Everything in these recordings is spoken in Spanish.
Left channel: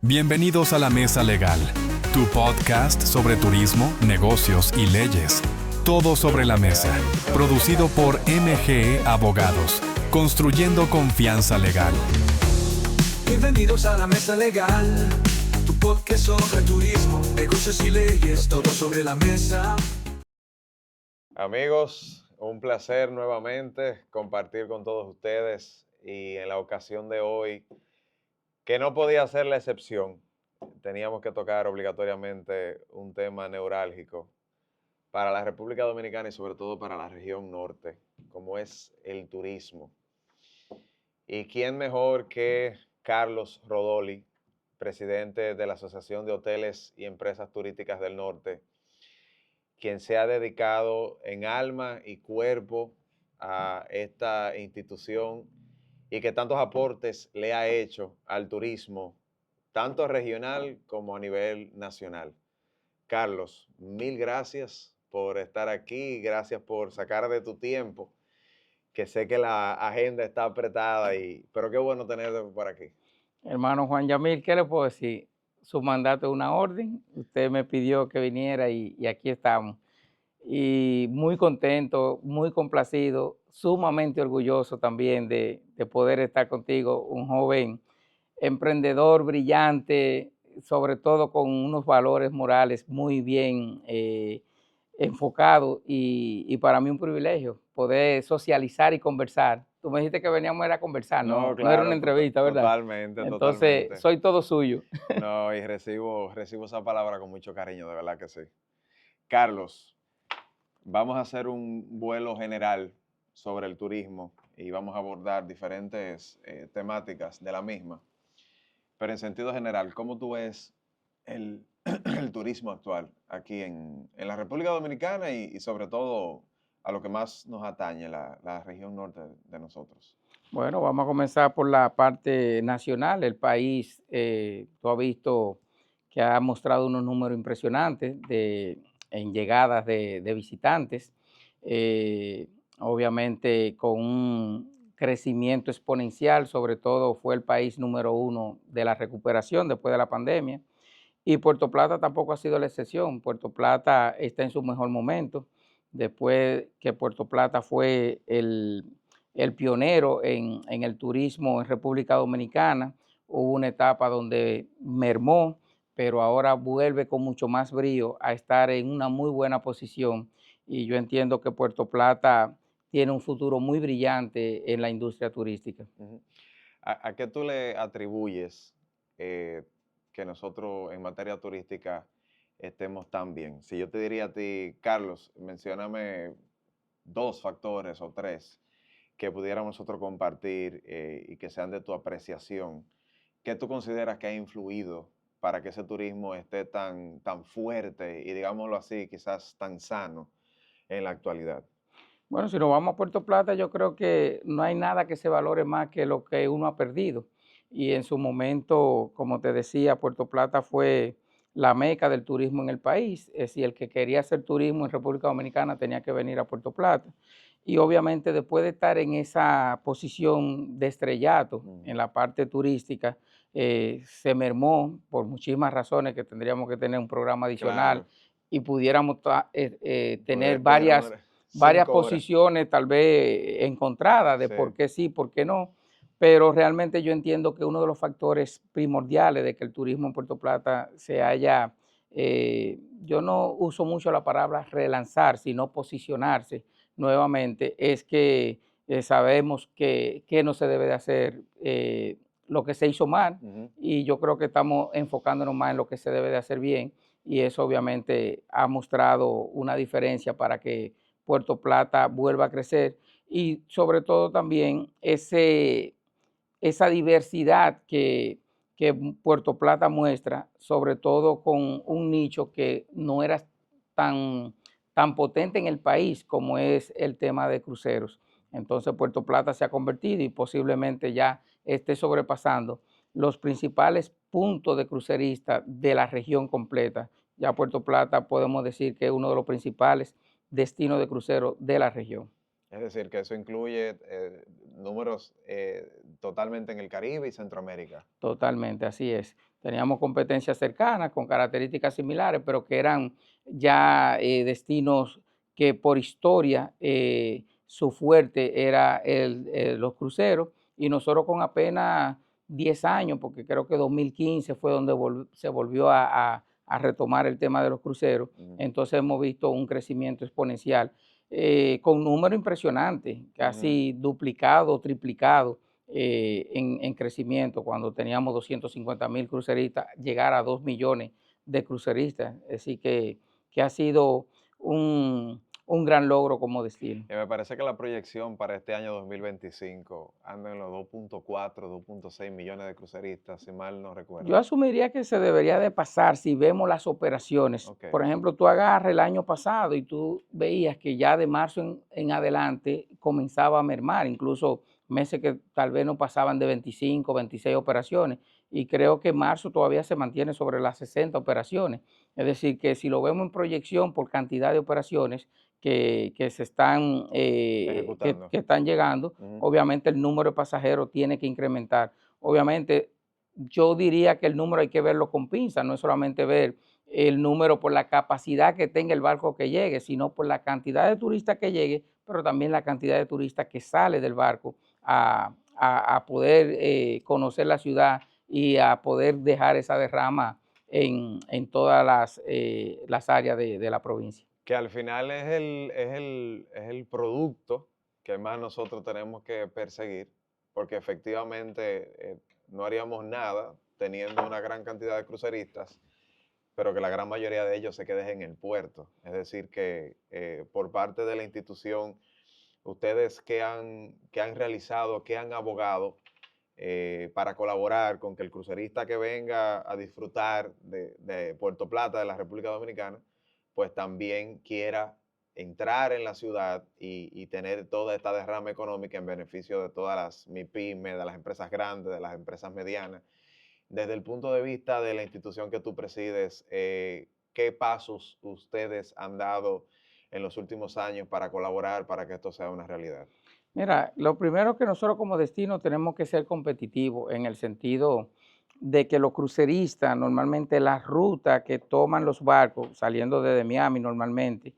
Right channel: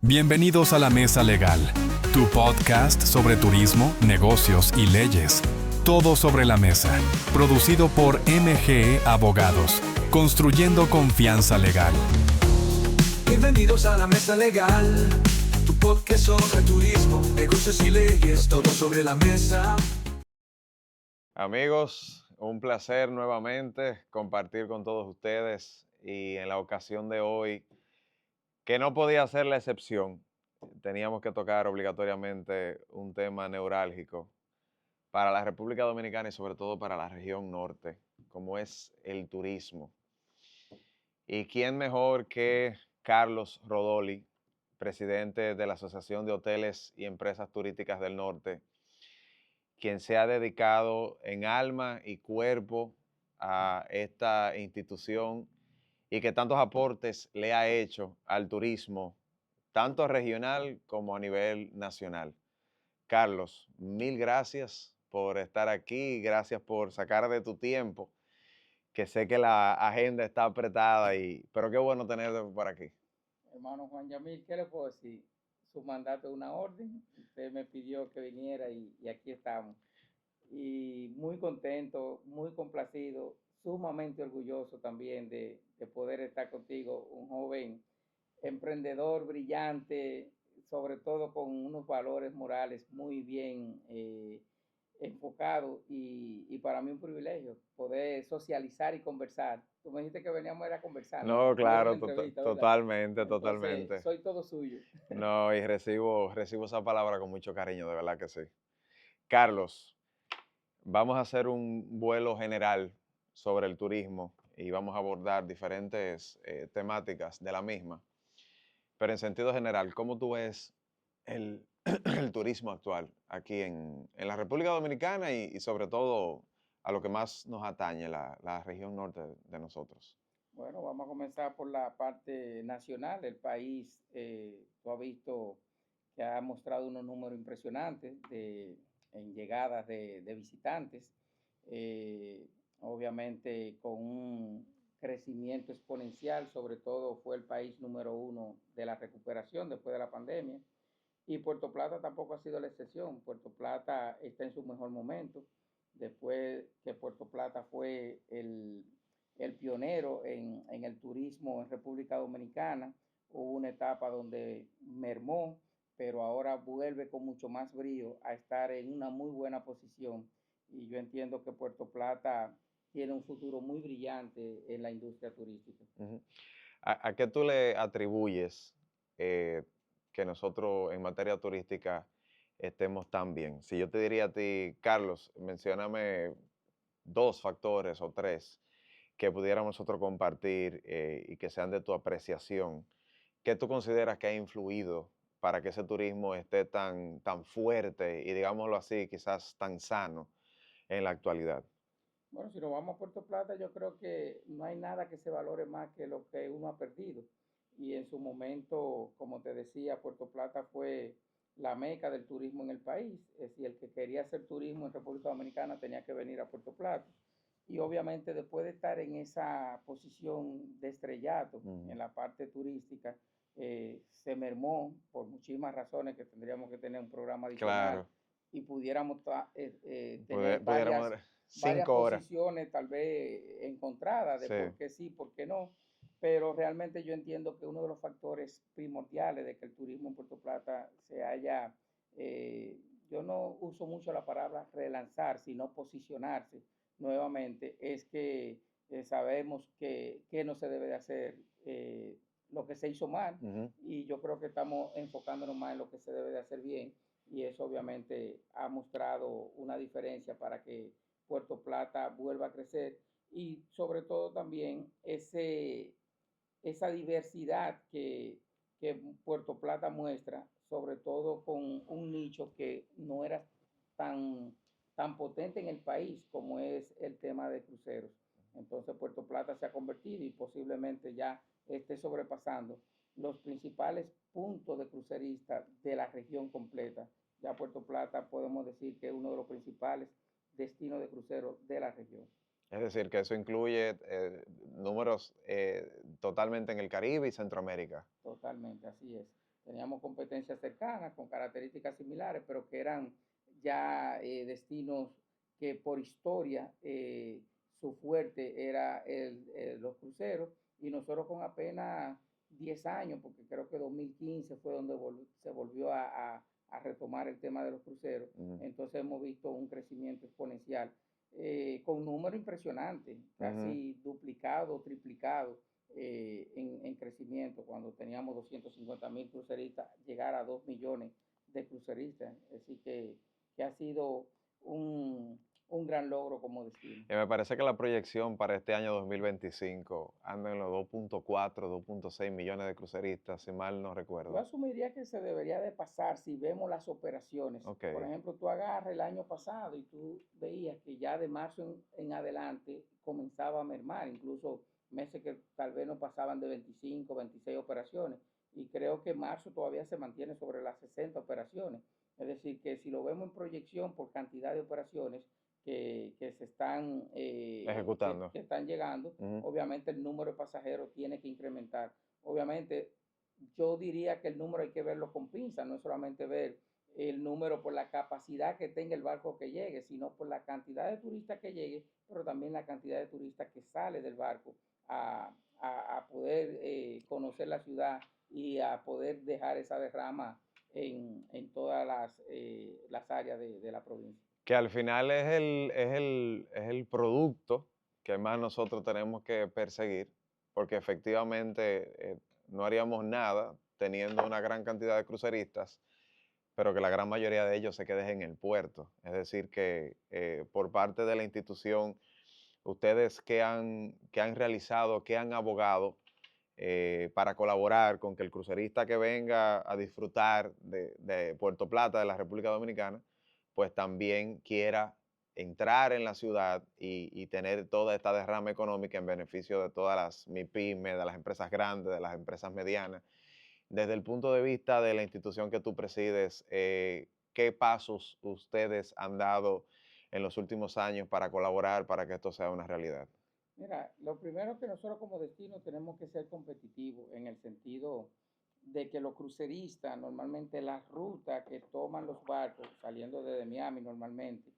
Bienvenidos a La Mesa Legal, tu podcast sobre turismo, negocios y leyes. Todo sobre la mesa, producido por MGE Abogados, construyendo confianza legal. Bienvenidos a La Mesa Legal, tu podcast sobre turismo, negocios y leyes, todo sobre la mesa. Amigos, un placer nuevamente compartir con todos ustedes y en la ocasión de hoy, que no podía ser la excepción, teníamos que tocar obligatoriamente un tema neurálgico para la República Dominicana y sobre todo para la región norte, como es el turismo. ¿Y quién mejor que Carlos Rodoli, presidente de la Asociación de Hoteles y Empresas Turísticas del Norte, quien se ha dedicado en alma y cuerpo a esta institución y que tantos aportes le ha hecho al turismo, tanto regional como a nivel nacional? Carlos, mil gracias por estar aquí, gracias por sacar de tu tiempo, que sé que la agenda está apretada, pero qué bueno tenerte por aquí. Hermano Juan Yamil, ¿qué le puedo decir? Su mandato es una orden, usted me pidió que viniera y aquí estamos. Y muy contento, muy complacido, sumamente orgulloso también de poder estar contigo, un joven emprendedor brillante, sobre todo con unos valores morales muy bien enfocados y para mí un privilegio poder socializar y conversar. Tú me dijiste que veníamos era a conversar, No, no era una claro, entrevista, ¿verdad? totalmente, Entonces, totalmente. soy todo suyo. No, y recibo esa palabra con mucho cariño, de verdad que sí. Carlos, vamos a hacer un vuelo general sobre el turismo y vamos a abordar diferentes temáticas de la misma. Pero en sentido general, ¿cómo tú ves el, el turismo actual aquí en la República Dominicana y sobre todo a lo que más nos atañe, la región norte de nosotros? Bueno, vamos a comenzar por la parte nacional. El país, tú has visto que ha mostrado unos números impresionantes en llegadas de visitantes, eh, obviamente con un crecimiento exponencial, sobre todo fue el país número uno de la recuperación después de la pandemia. Y Puerto Plata tampoco ha sido la excepción. Puerto Plata está en su mejor momento, después que Puerto Plata fue el pionero en el turismo en República Dominicana. Hubo una etapa donde mermó, pero ahora vuelve con mucho más brío a estar en una muy buena posición. Y yo entiendo que Puerto Plata tiene un futuro muy brillante en la industria turística. Ujú. ¿A qué tú le atribuyes eh, que nosotros en materia turística estemos tan bien? Si yo te diría a ti, Carlos, mencióname dos factores o tres que pudiéramos nosotros compartir y que sean de tu apreciación, ¿qué tú consideras que ha influido para que ese turismo esté tan fuerte y, digámoslo así, quizás tan sano en la actualidad? Bueno, si nos vamos a Puerto Plata, yo creo que no hay nada que se valore más que lo que uno ha perdido. Y en su momento, como te decía, Puerto Plata fue la meca del turismo en el país. Es decir, el que quería hacer turismo en República Dominicana tenía que venir a Puerto Plata. Y obviamente después de estar en esa posición de estrellato Ujú. en la parte turística, se mermó por muchísimas razones que tendríamos que tener un programa adicional Claro, y pudiéramos tener pudiéramos varias 5 horas. posiciones tal vez encontradas de Sí. por qué sí, por qué no, pero realmente yo entiendo que uno de los factores primordiales de que el turismo en Puerto Plata se haya, yo no uso mucho la palabra relanzar, sino posicionarse nuevamente, es que sabemos que no se debe de hacer lo que se hizo mal Ujú. y yo creo que estamos enfocándonos más en lo que se debe de hacer bien y eso obviamente ha mostrado una diferencia para que Puerto Plata vuelva a crecer y sobre todo también esa diversidad que Puerto Plata muestra, sobre todo con un nicho que no era tan potente en el país como es el tema de cruceros. Entonces Puerto Plata se ha convertido y posiblemente ya esté sobrepasando los principales puntos de cruceristas de la región completa. Ya Puerto Plata podemos decir que es uno de los principales destinos de crucero de la región. Es decir, que eso incluye números totalmente en el Caribe y Centroamérica. Totalmente, así es. Teníamos competencias cercanas con características similares, pero que eran ya destinos que por historia su fuerte era los cruceros y nosotros con apenas 10 años, porque creo que 2015 fue donde se volvió a retomar el tema de los cruceros, Ujú, entonces hemos visto un crecimiento exponencial con números impresionantes, ujú. casi duplicado, triplicado en crecimiento, cuando teníamos 250,000 cruceristas, llegar a 2 millones de cruceristas. Así que ha sido un gran logro como destino. Y me parece que la proyección para este año 2025 anda en los 2.4, 2.6 millones de cruceristas, si mal no Yo recuerdo. asumiría que se debería de pasar si vemos las operaciones. Ok. Por ejemplo, tú agarras el año pasado y tú veías que ya de marzo en adelante comenzaba a mermar, incluso meses que tal vez no pasaban de 25, 26 operaciones. Y creo que marzo todavía se mantiene sobre las 60 operaciones. Es decir, que si lo vemos en proyección por cantidad de operaciones que se están, Ejecutando. que están llegando, Ujú. obviamente el número de pasajeros tiene que incrementar. Obviamente yo diría que el número hay que verlo con pinzas, no es solamente ver el número por la capacidad que tenga el barco que llegue, sino por la cantidad de turistas que llegue, pero también la cantidad de turistas que sale del barco a poder conocer la ciudad y a poder dejar esa derrama en todas las áreas de la provincia. Que al final es el producto que más nosotros tenemos que perseguir, porque efectivamente no haríamos nada teniendo una gran cantidad de cruceristas, pero que la gran mayoría de ellos se queden en el puerto. Es decir, que por parte de la institución, ustedes que han realizado, que han abogado para colaborar con que el crucerista que venga a disfrutar de Puerto Plata, de la República Dominicana, pues también quiera entrar en la ciudad y tener toda esta derrama económica en beneficio de todas las MIPYME, de las empresas grandes, de las empresas medianas. Desde el punto de vista de la institución que tú presides, ¿qué pasos ustedes han dado en los últimos años para colaborar para que esto sea una realidad? Mira, lo primero que nosotros como destino tenemos que ser competitivos en el sentido de que los cruceristas, normalmente las rutas que toman los barcos saliendo desde Miami normalmente,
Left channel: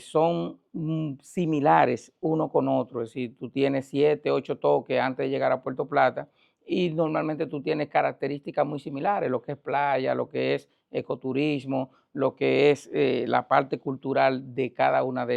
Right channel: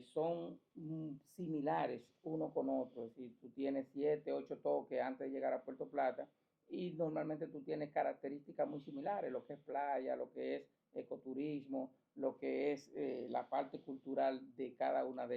son similares uno con otro. Es decir, tú tienes 7, 8 toques antes de llegar a Puerto Plata y normalmente tú tienes características muy similares, lo que es playa, lo que es ecoturismo, lo que es la parte cultural de cada una de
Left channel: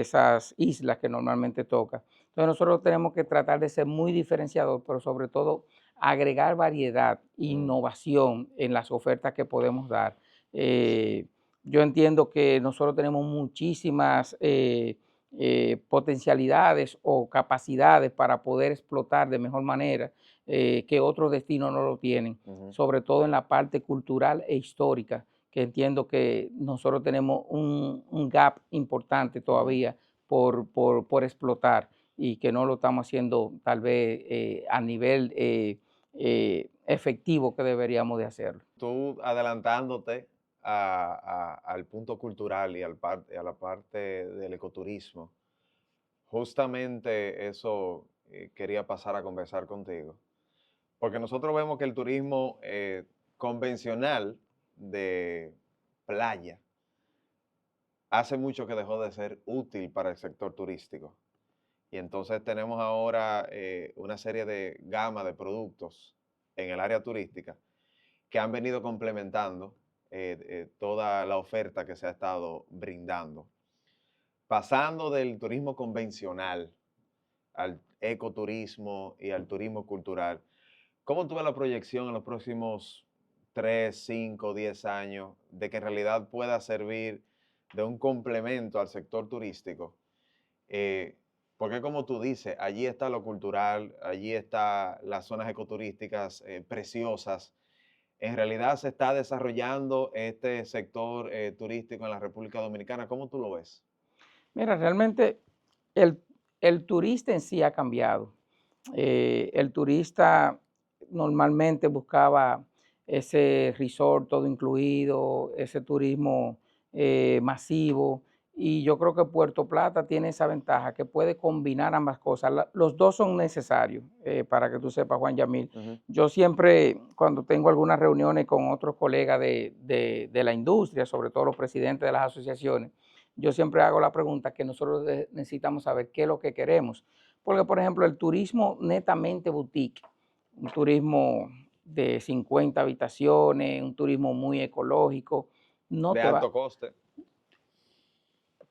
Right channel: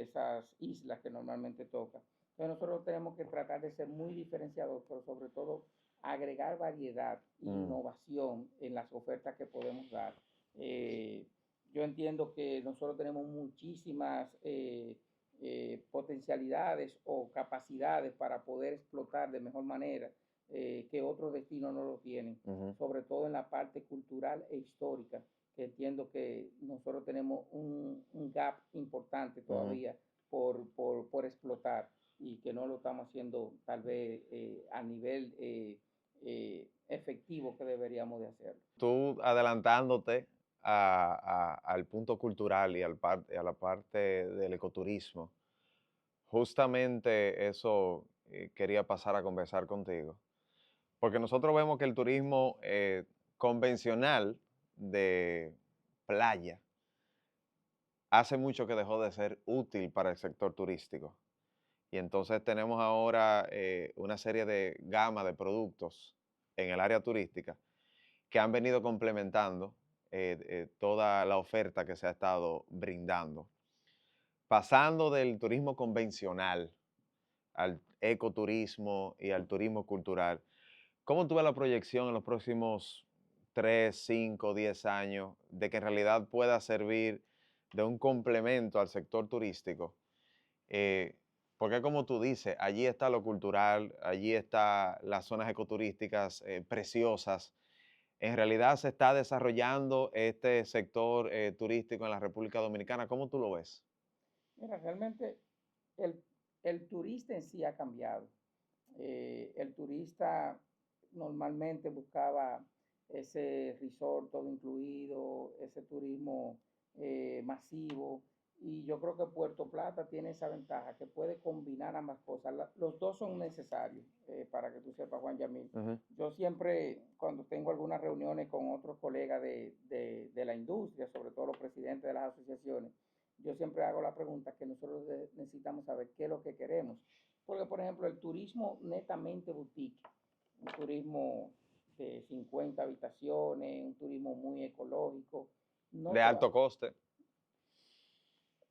esas islas que normalmente toca. Entonces nosotros tenemos que tratar de ser muy diferenciados, pero sobre todo agregar variedad, Mm, innovación en las ofertas que podemos dar. Eh, yo entiendo que nosotros tenemos muchísimas potencialidades o capacidades para poder explotar de mejor manera que otros destinos no lo tienen, ujú. sobre todo en la parte cultural e histórica, que entiendo que nosotros tenemos un gap importante Ujú. todavía por explotar y que no lo estamos haciendo tal vez a nivel efectivo que deberíamos de hacerlo. Tú adelantándote al punto cultural y a la parte del ecoturismo, justamente eso quería pasar a conversar contigo, porque nosotros vemos que el turismo convencional de playa hace mucho que dejó de ser útil para el sector turístico. Y entonces tenemos ahora una serie de gama de productos en el área turística que han venido complementando toda la oferta que se ha estado brindando. Pasando del turismo convencional al ecoturismo y al turismo cultural, ¿cómo tú ves la proyección en los próximos 3, 5, 10 años de que en realidad pueda servir de un complemento al sector turístico? Eh, Porque como tú dices, allí está lo cultural, allí están las zonas ecoturísticas preciosas. En realidad se está desarrollando este sector turístico en la República Dominicana. ¿Cómo tú lo ves? Mira, realmente el, el turista en sí ha cambiado. El turista normalmente buscaba ese resort todo incluido, ese turismo masivo, y yo creo que Puerto Plata tiene esa ventaja que puede combinar ambas cosas. Los dos son necesarios, para que tú sepas, Juan Yamil. Yo siempre, cuando tengo algunas reuniones con otros colegas de la industria, sobre todo los presidentes de las asociaciones, yo siempre hago la pregunta que nosotros necesitamos saber qué es lo que queremos. Porque, por ejemplo, el turismo netamente boutique, un turismo de 50 habitaciones, un turismo muy ecológico, no De te va, alto coste.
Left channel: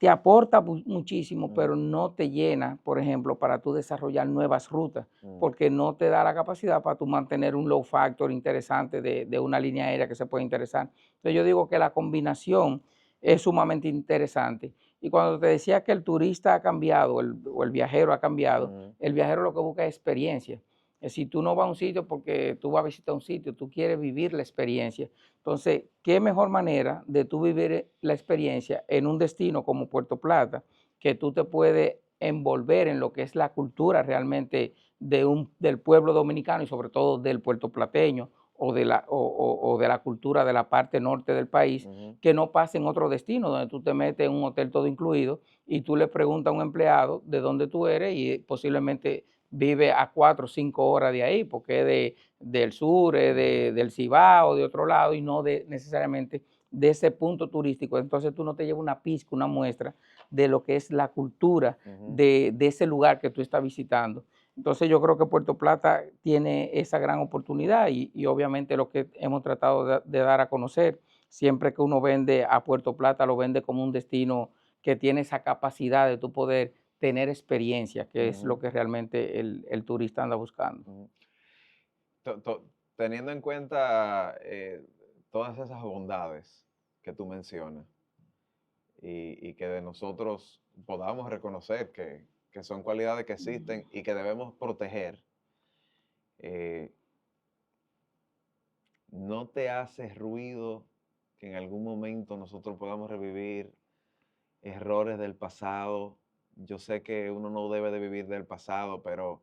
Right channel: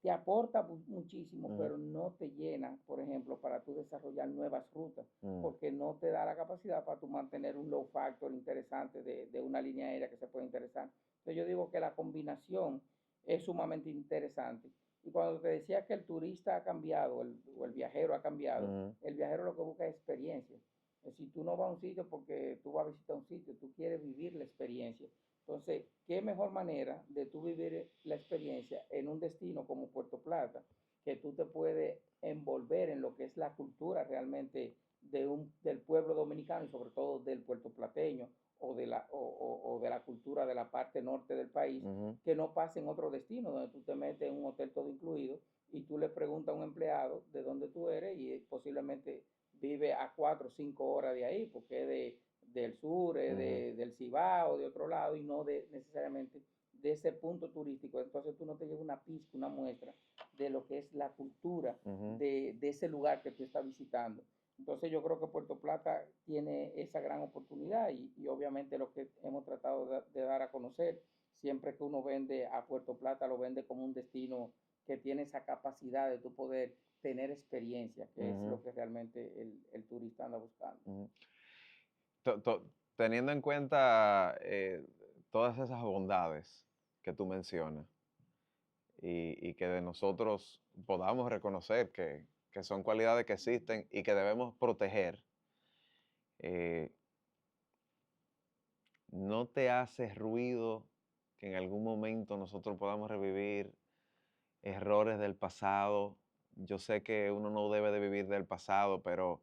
te aporta muchísimo, pero no te llena, por ejemplo, para tú desarrollar nuevas rutas, porque no te da la capacidad para tú mantener un low factor interesante de una línea aérea que se puede interesar. Entonces yo digo que la combinación es sumamente interesante. Y cuando te decía que el turista ha cambiado, o el viajero ha cambiado, el viajero lo que busca es experiencia. Si tú no vas a un sitio porque tú vas a visitar un sitio, tú quieres vivir la experiencia. Entonces, ¿qué mejor manera de tú vivir la experiencia en un destino como Puerto Plata, que tú te puedes envolver en lo que es la cultura realmente del pueblo dominicano y sobre todo del puertoplateño o de la cultura de la parte norte del país, que no pasa en otro destino donde tú te metes en un hotel todo incluido y tú le preguntas a un empleado de dónde tú eres y posiblemente vive a 4 o 5 horas de ahí porque es del sur, del Cibao, de otro lado, y no necesariamente de ese punto turístico. Entonces tú no te llevas una pizca, una muestra de lo que es la cultura de ese lugar que tú estás visitando. Entonces yo creo que Puerto Plata tiene esa gran oportunidad y obviamente lo que hemos tratado de dar a conocer, siempre que uno vende a Puerto Plata, lo vende como un destino que tiene esa capacidad de tu poder tener experiencia, que es lo que realmente el turista anda buscando. Teniendo en cuenta todas esas bondades que tú mencionas y que de nosotros podamos reconocer que son cualidades que existen y que debemos proteger, ¿no te hace ruido que en algún momento nosotros podamos revivir errores del pasado? Yo sé que uno no debe de vivir del pasado, pero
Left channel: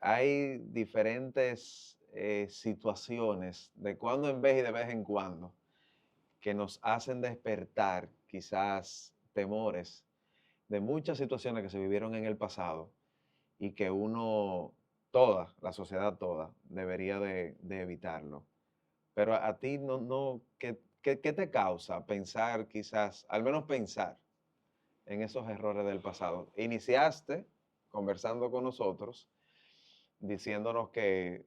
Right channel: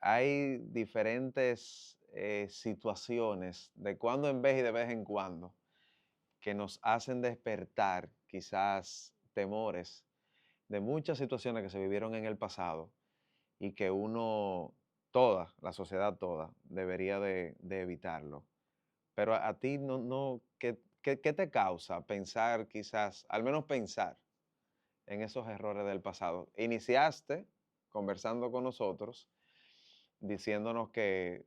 hay diferentes situaciones de cuando en vez y de vez en cuando que nos hacen despertar quizás temores de muchas situaciones que se vivieron en el pasado y que uno, toda, la sociedad toda, debería de evitarlo. Pero a ti ¿qué te causa pensar quizás, al menos pensar en esos errores del pasado? Iniciaste conversando con nosotros, diciéndonos que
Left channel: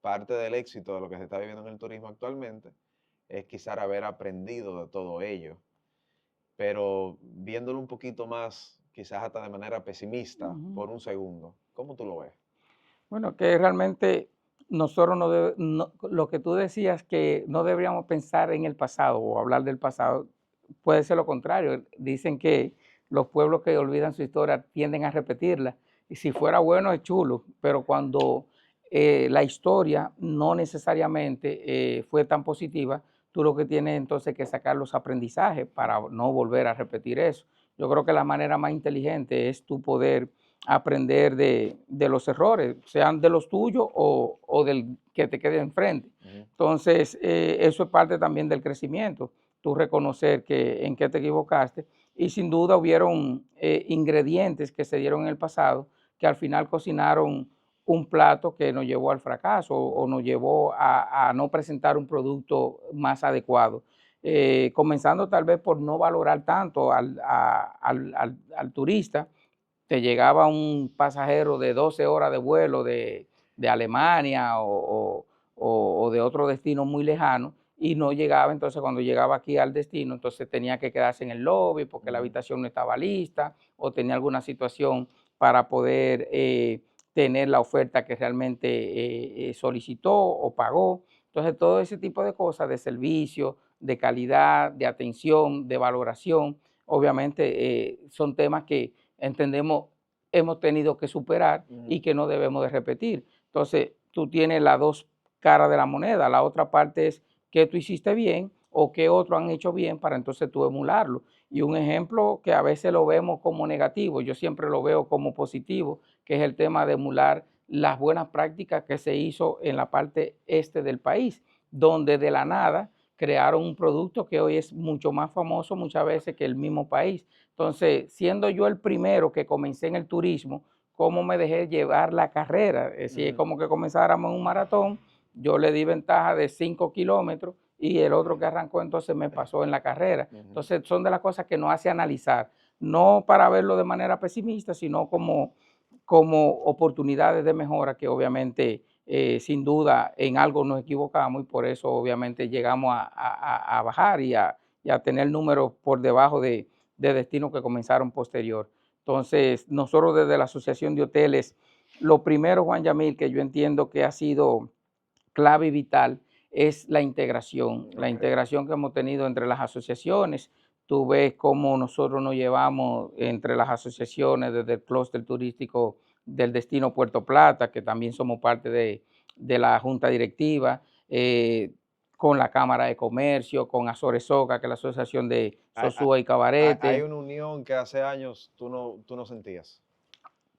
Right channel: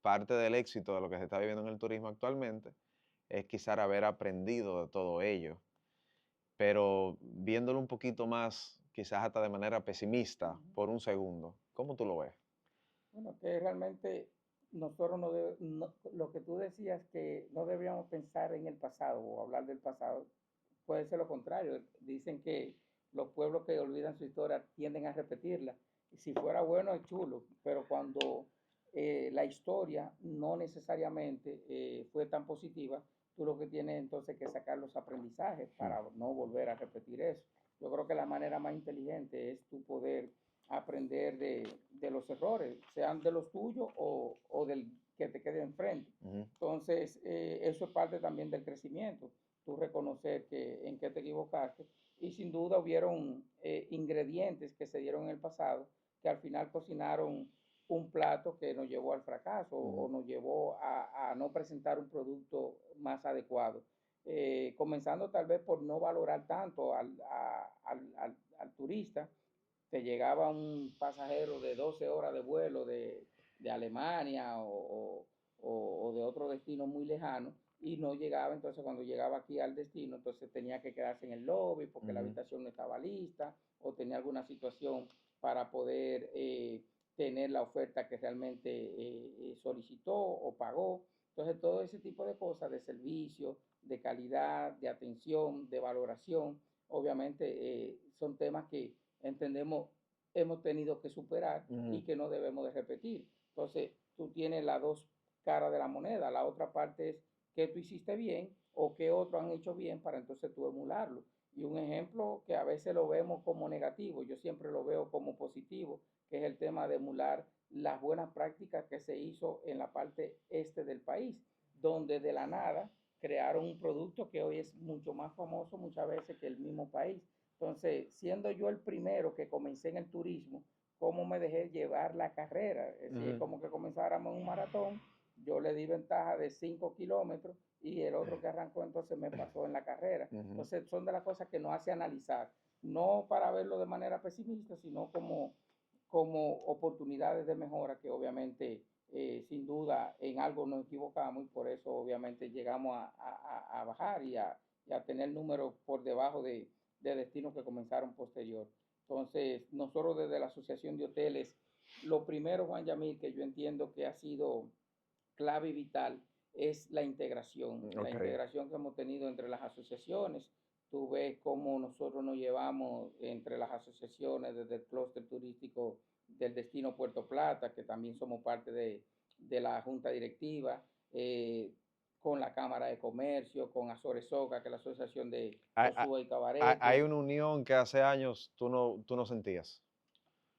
parte del éxito de lo que se está viviendo en el turismo actualmente es quizás haber aprendido de todo ello. Pero viéndolo un poquito más, quizás hasta de manera pesimista, por un segundo, ¿cómo tú lo ves? Bueno, que realmente nosotros lo que tú decías que no deberíamos pensar en el pasado o hablar del pasado, puede ser lo contrario. Dicen que los pueblos que olvidan su historia tienden a repetirla. Y si fuera bueno es chulo, pero cuando la historia no necesariamente fue tan positiva, tú lo que tienes entonces que sacar los aprendizajes para no volver a repetir eso. Yo creo que la manera más inteligente es tu poder aprender de los errores, sean de los tuyos o del que te quede enfrente. Entonces, eso es parte también del crecimiento, tú reconocer en qué te equivocaste y sin duda hubieron ingredientes que se dieron en el pasado que al final cocinaron un plato que nos llevó al fracaso o nos llevó a no presentar un producto más adecuado. Comenzando tal vez por no valorar tanto al turista. Te llegaba un pasajero de 12 horas de vuelo de Alemania o de otro destino muy lejano y no llegaba, entonces cuando llegaba aquí al destino, entonces tenía que quedarse en el lobby porque la habitación no estaba lista o tenía alguna situación para poder tener la oferta que realmente solicitó o pagó. Entonces todo ese tipo de cosas de servicio, de calidad, de atención, de valoración, obviamente son temas que entendemos hemos tenido que superar y que no debemos de repetir. Entonces, tú tienes las dos caras de la moneda. La otra parte es qué tú hiciste bien o qué otros han hecho bien para entonces tú emularlo. Y un ejemplo que a veces lo vemos como negativo, yo siempre lo veo como positivo, que es el tema de emular las buenas prácticas que se hizo en la parte este del país, donde de la nada crearon un producto que hoy es mucho más famoso muchas veces que el mismo país. Entonces, siendo yo el primero que comencé en el turismo, ¿cómo me dejé llevar la carrera? Es decir, es como que comenzáramos en un maratón, yo le di ventaja de 5 kilómetros y el otro que arrancó entonces me pasó en la carrera. Entonces, son de las cosas que nos hace analizar, no para verlo de manera pesimista, sino como oportunidades de mejora que obviamente sin duda en algo nos equivocamos y por eso obviamente llegamos a bajar y a tener números por debajo de destinos que comenzaron posterior. Entonces, nosotros desde la Asociación de Hoteles, lo primero, Juan Yamil, que yo entiendo que ha sido clave y vital es la integración que hemos tenido entre las asociaciones. Tú ves cómo nosotros nos llevamos entre las asociaciones desde el clúster turístico del destino Puerto Plata, que también somos parte de la junta directiva, con la Cámara de Comercio, con Azores Soca, que es la asociación de Sosúa y Cabarete. Hay una unión que hace años tú no sentías.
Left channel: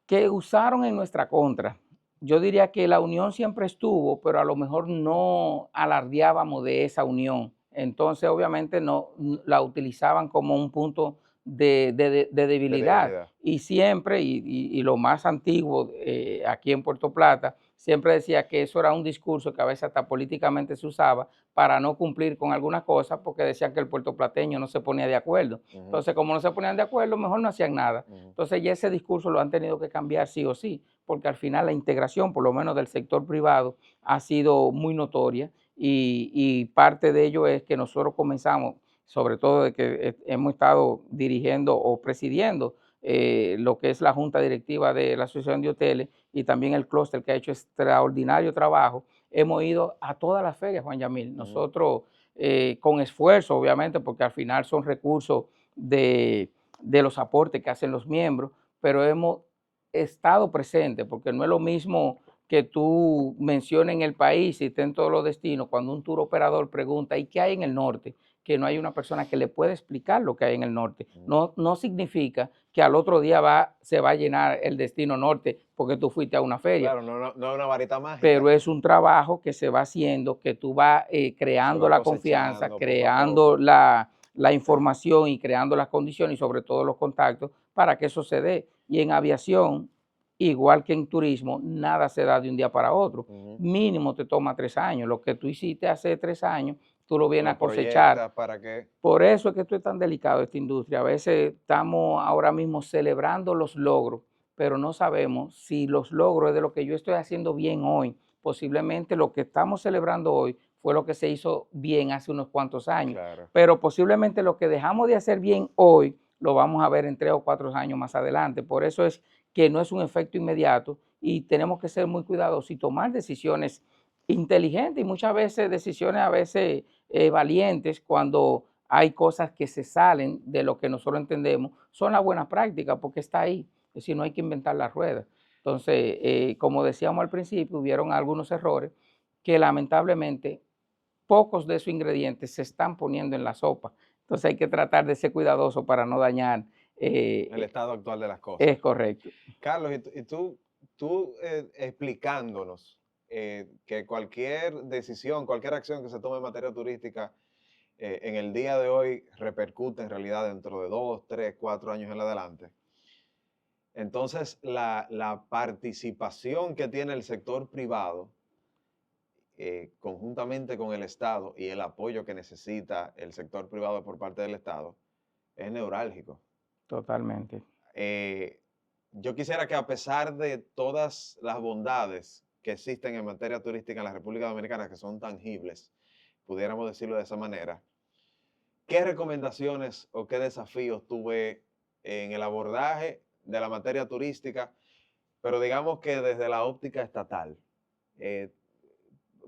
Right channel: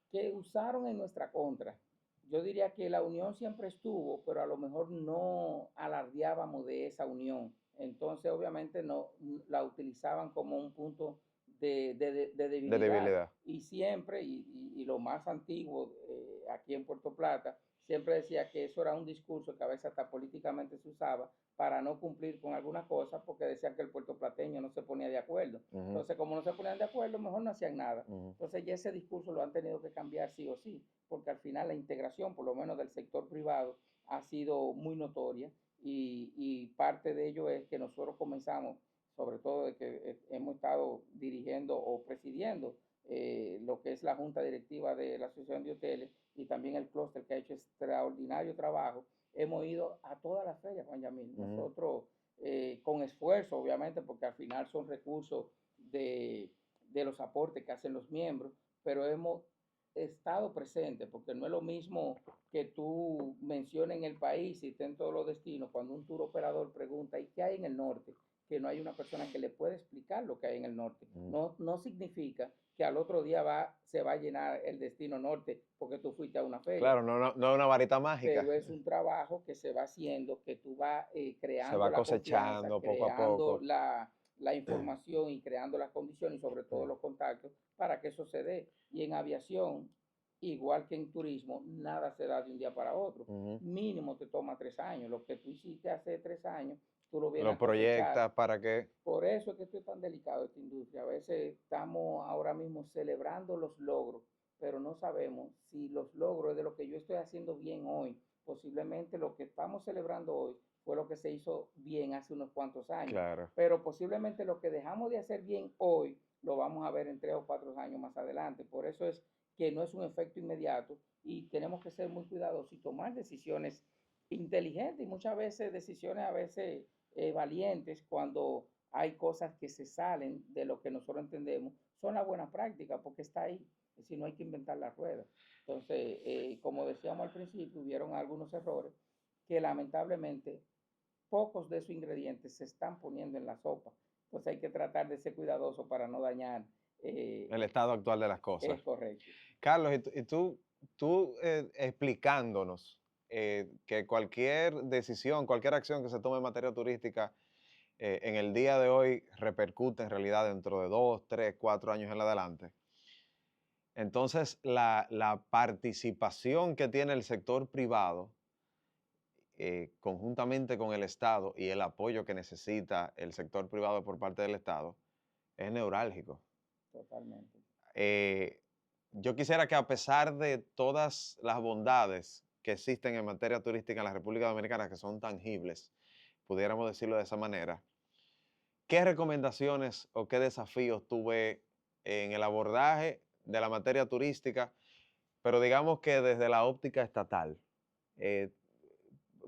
Que usaron en nuestra contra. Yo diría que la unión siempre estuvo, pero a lo mejor no alardeábamos de esa unión. Entonces, obviamente, no la utilizaban como un punto de debilidad. Y siempre, y lo más antiguo aquí en Puerto Plata, siempre decía que eso era un discurso que a veces hasta políticamente se usaba para no cumplir con algunas cosas, porque decían que el puertoplateño no se ponía de acuerdo. Entonces, como no se ponían de acuerdo, mejor no hacían nada. Entonces, ya ese discurso lo han tenido que cambiar sí o sí, porque al final la integración, por lo menos del sector privado, ha sido muy notoria y parte de ello es que nosotros comenzamos, sobre todo de que hemos estado dirigiendo o presidiendo lo que es la junta directiva de la Asociación de Hoteles y también el clúster que ha hecho extraordinario trabajo. Hemos ido a todas las ferias, Juan Yamil. Nosotros, con esfuerzo, obviamente, porque al final son recursos de los aportes que hacen los miembros, pero hemos estado presentes, porque no es lo mismo que tú menciones en el país y esté en todos los destinos, cuando un tour operador pregunta, ¿y qué hay en el norte? Que no hay una persona que le pueda explicar lo que hay en el norte. No significa que al otro día se va a llenar el destino norte porque tú fuiste a una feria. Claro, no es una varita mágica. Pero es un trabajo que se va haciendo, que tú vas creando la confianza, creando la información y creando las condiciones y sobre todo los contactos para que eso se dé. Y en aviación, igual que en turismo, nada se da de un día para otro. Mínimo te toma 3 años. Lo que tú hiciste hace 3 años, tú lo vienes a cosechar. ¿Para qué? Por eso es que esto es tan delicado, esta industria. A veces estamos ahora mismo celebrando los logros, pero no sabemos si los logros es de lo que yo estoy haciendo bien hoy. Posiblemente lo que estamos celebrando hoy fue lo que se hizo bien hace unos cuantos años. Claro. Pero posiblemente lo que dejamos de hacer bien hoy lo vamos a ver en 3 o 4 años más adelante. Por eso es que no es un efecto inmediato y tenemos que ser muy cuidadosos y tomar decisiones inteligentes y muchas veces decisiones valientes cuando hay cosas que se salen de lo que nosotros entendemos. Son las buenas prácticas porque está ahí. Es decir, no hay que inventar la rueda. Entonces, como decíamos al principio, hubieron algunos errores que lamentablemente pocos de esos ingredientes se están poniendo en la sopa. Entonces hay que tratar de ser cuidadoso para no dañar el estado actual de las cosas. Es correcto. Carlos, y tú explicándonos que cualquier decisión, cualquier acción que se tome en materia turística en el día de hoy repercute en realidad dentro de 2, 3, 4 años en adelante. Entonces, la participación que tiene el sector privado conjuntamente con el Estado y el apoyo que necesita el sector privado por parte del Estado es neurálgico. Totalmente. Yo quisiera que a pesar de todas las bondades que existen en materia turística en la República Dominicana, que son tangibles, pudiéramos decirlo de esa manera, ¿qué recomendaciones o qué desafíos tuve en el abordaje de la materia turística, pero digamos que desde la óptica estatal?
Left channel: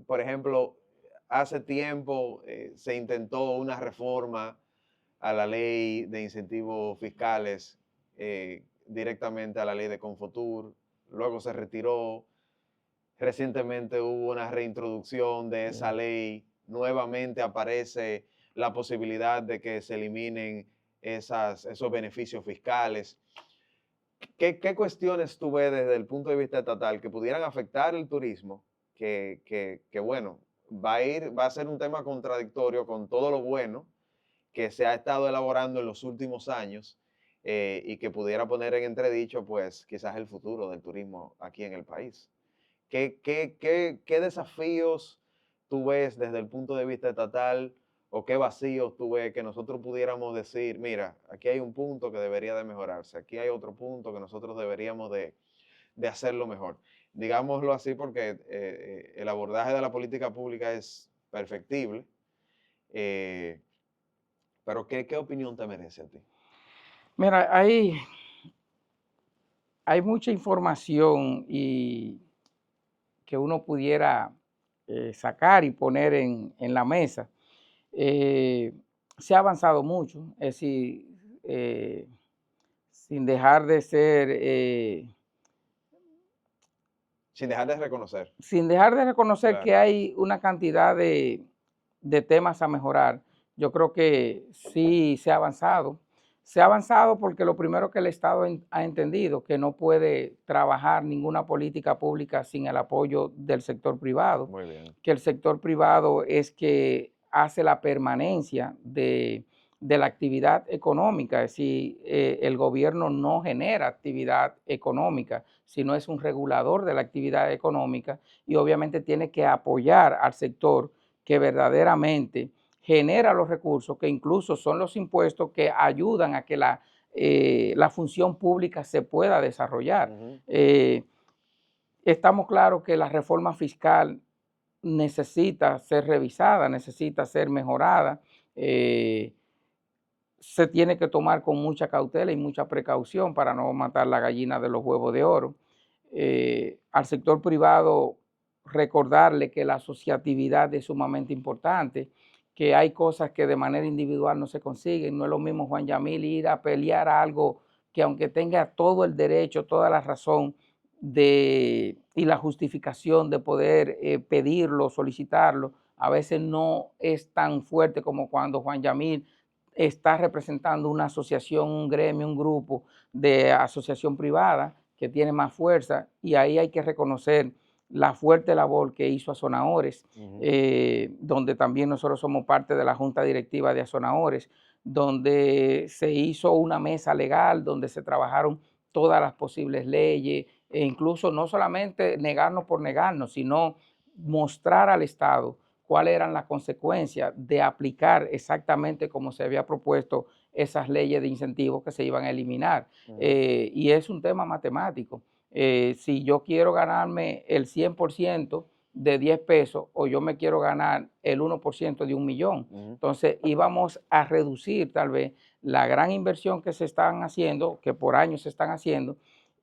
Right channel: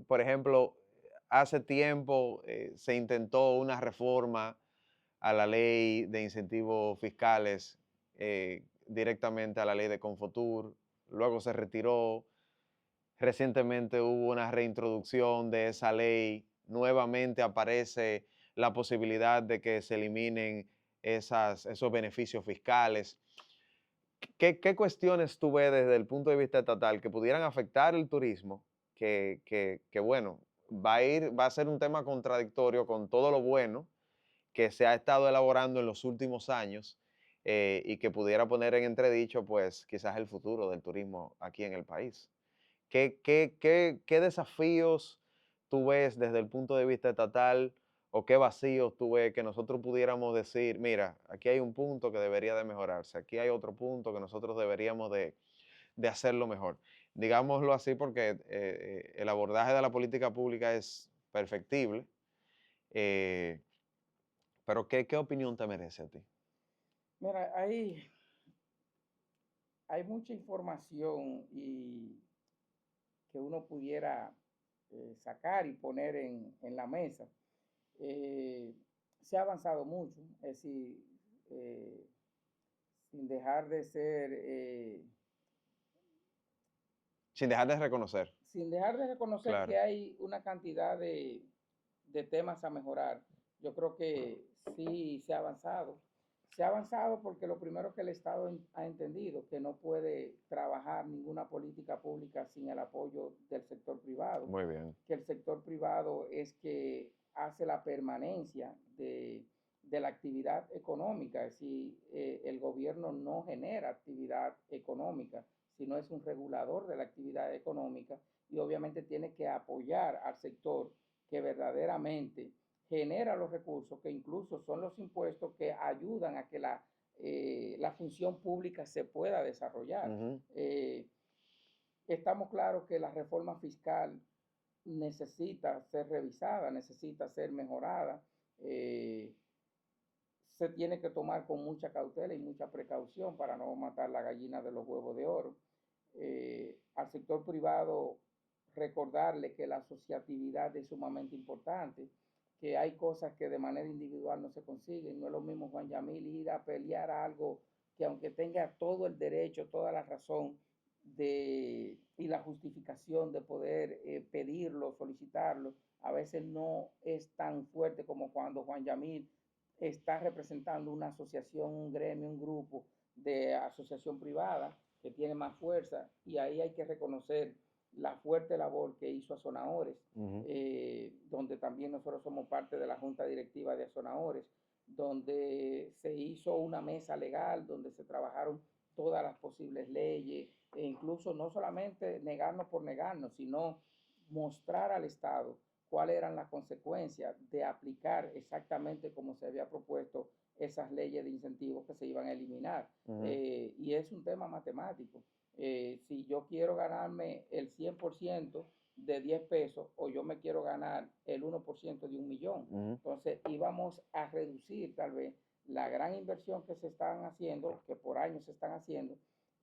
Por ejemplo, hace tiempo se intentó una reforma a la ley de incentivos fiscales, directamente a la ley de Confotur, luego se retiró, recientemente hubo una reintroducción de esa ley, nuevamente aparece la posibilidad de que se eliminen esos beneficios fiscales. ¿Qué cuestiones tú ves desde el punto de vista estatal que pudieran afectar el turismo? Que bueno, va a ser un tema contradictorio con todo lo bueno que se ha estado elaborando en los últimos años y que pudiera poner en entredicho, pues, quizás el futuro del turismo aquí en el país. ¿Qué desafíos tú ves desde el punto de vista estatal o qué vacíos tú ves que nosotros pudiéramos decir, mira, aquí hay un punto que debería de mejorarse, aquí hay otro punto que nosotros deberíamos de hacerlo mejor? Digámoslo así porque el abordaje de la política pública es perfectible, eh, pero ¿qué opinión te merece a ti? Mira, hay mucha información y que uno pudiera sacar y poner en la mesa. Eh, Se ha avanzado mucho, es decir, eh, sin dejar de ser, Sin dejar de reconocer, sin dejar de reconocer que claro. hay una cantidad de temas a mejorar. Yo creo que sí se ha avanzado. Se ha avanzado porque lo primero que el Estado ha entendido, que no puede trabajar ninguna política pública sin el apoyo del sector privado, Muy bien. que el sector privado es que hace la permanencia de la actividad económica, es decir, el gobierno no genera actividad económica, sino es un regulador de la actividad económica y obviamente tiene que apoyar al sector que verdaderamente genera los recursos, que incluso son los impuestos que ayudan a que la función pública se pueda desarrollar. Ujú. Estamos claros que la reforma fiscal necesita ser revisada, necesita ser mejorada. Se tiene que tomar con mucha cautela y mucha precaución para no matar la gallina de los huevos de oro. Al sector privado, recordarle que la asociatividad es sumamente importante, que hay cosas que de manera individual no se consiguen. No es lo mismo Juan Yamil ir a pelear algo que aunque tenga todo el derecho, toda la razón y la justificación de poder pedirlo, solicitarlo, a veces no es tan fuerte como cuando Juan Yamil está representando una asociación, un gremio, un grupo de asociación privada que tiene más fuerza y ahí hay que reconocer la fuerte labor que hizo Azonadores, Ujú. donde también nosotros somos parte de la junta directiva de Azonadores, donde se hizo una mesa legal, donde se trabajaron todas las posibles leyes e incluso no solamente negarnos por negarnos, sino mostrar al Estado cuáles eran las consecuencias de aplicar exactamente como se había propuesto esas leyes de incentivos que se iban a eliminar. Ujú. Y es un tema matemático. Si yo quiero ganarme el 100% de 10 pesos o yo me quiero ganar el 1% de 1 millón, Ujú. entonces íbamos a reducir tal vez la gran inversión que se están haciendo, que por años se están haciendo.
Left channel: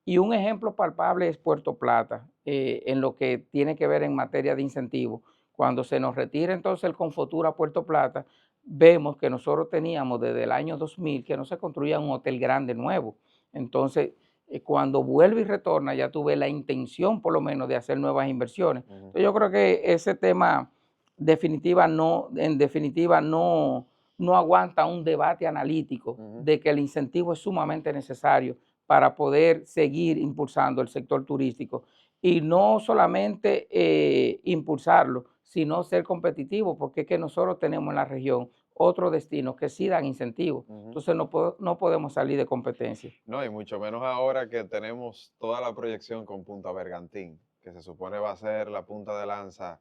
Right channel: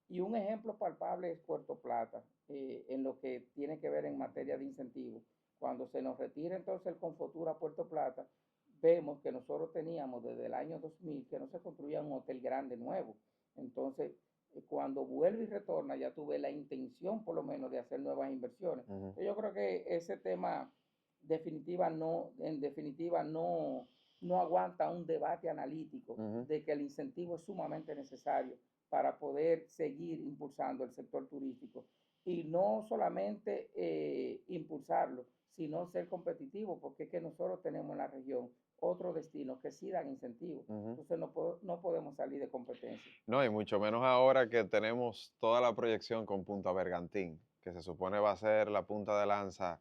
Y un ejemplo palpable es Puerto Plata, en lo que tiene que ver en materia de incentivos. Cuando se nos retira entonces el Confotura a Puerto Plata, vemos que nosotros teníamos desde el año 2000 que no se construía un hotel grande nuevo. Entonces, cuando vuelve y retorna, ya tuve la intención por lo menos de hacer nuevas inversiones. Ujú. Entonces, yo creo que ese tema en definitiva no aguanta un debate analítico Ujú. de que el incentivo es sumamente necesario para poder seguir impulsando el sector turístico y no solamente impulsarlo, sino ser competitivo, porque es que nosotros tenemos en la región otros destinos que sí dan incentivos. Ujú. Entonces no podemos salir de competencia. No, y mucho menos ahora que tenemos toda la proyección con Punta Bergantín, que se supone va a ser la punta de lanza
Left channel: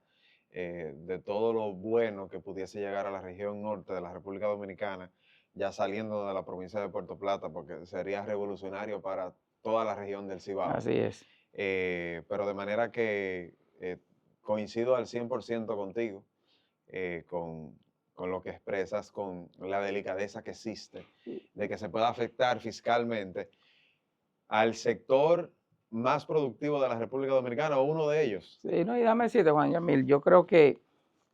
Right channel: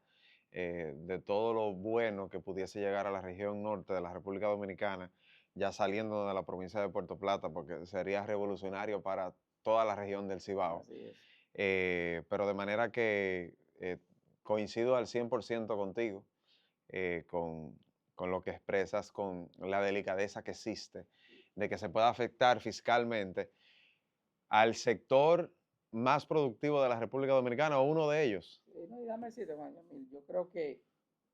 de todo lo bueno que pudiese llegar a la región norte de la República Dominicana, ya saliendo de la provincia de Puerto Plata, porque sería revolucionario para toda la región del Cibao. Así es. Pero de manera que coincido al 100% contigo, eh, con, con lo que expresas, con la delicadeza que existe, de que se pueda afectar fiscalmente al sector más productivo de la República Dominicana o uno de ellos. Sí, no, y déjame decirte, Juan Yamil, yo creo que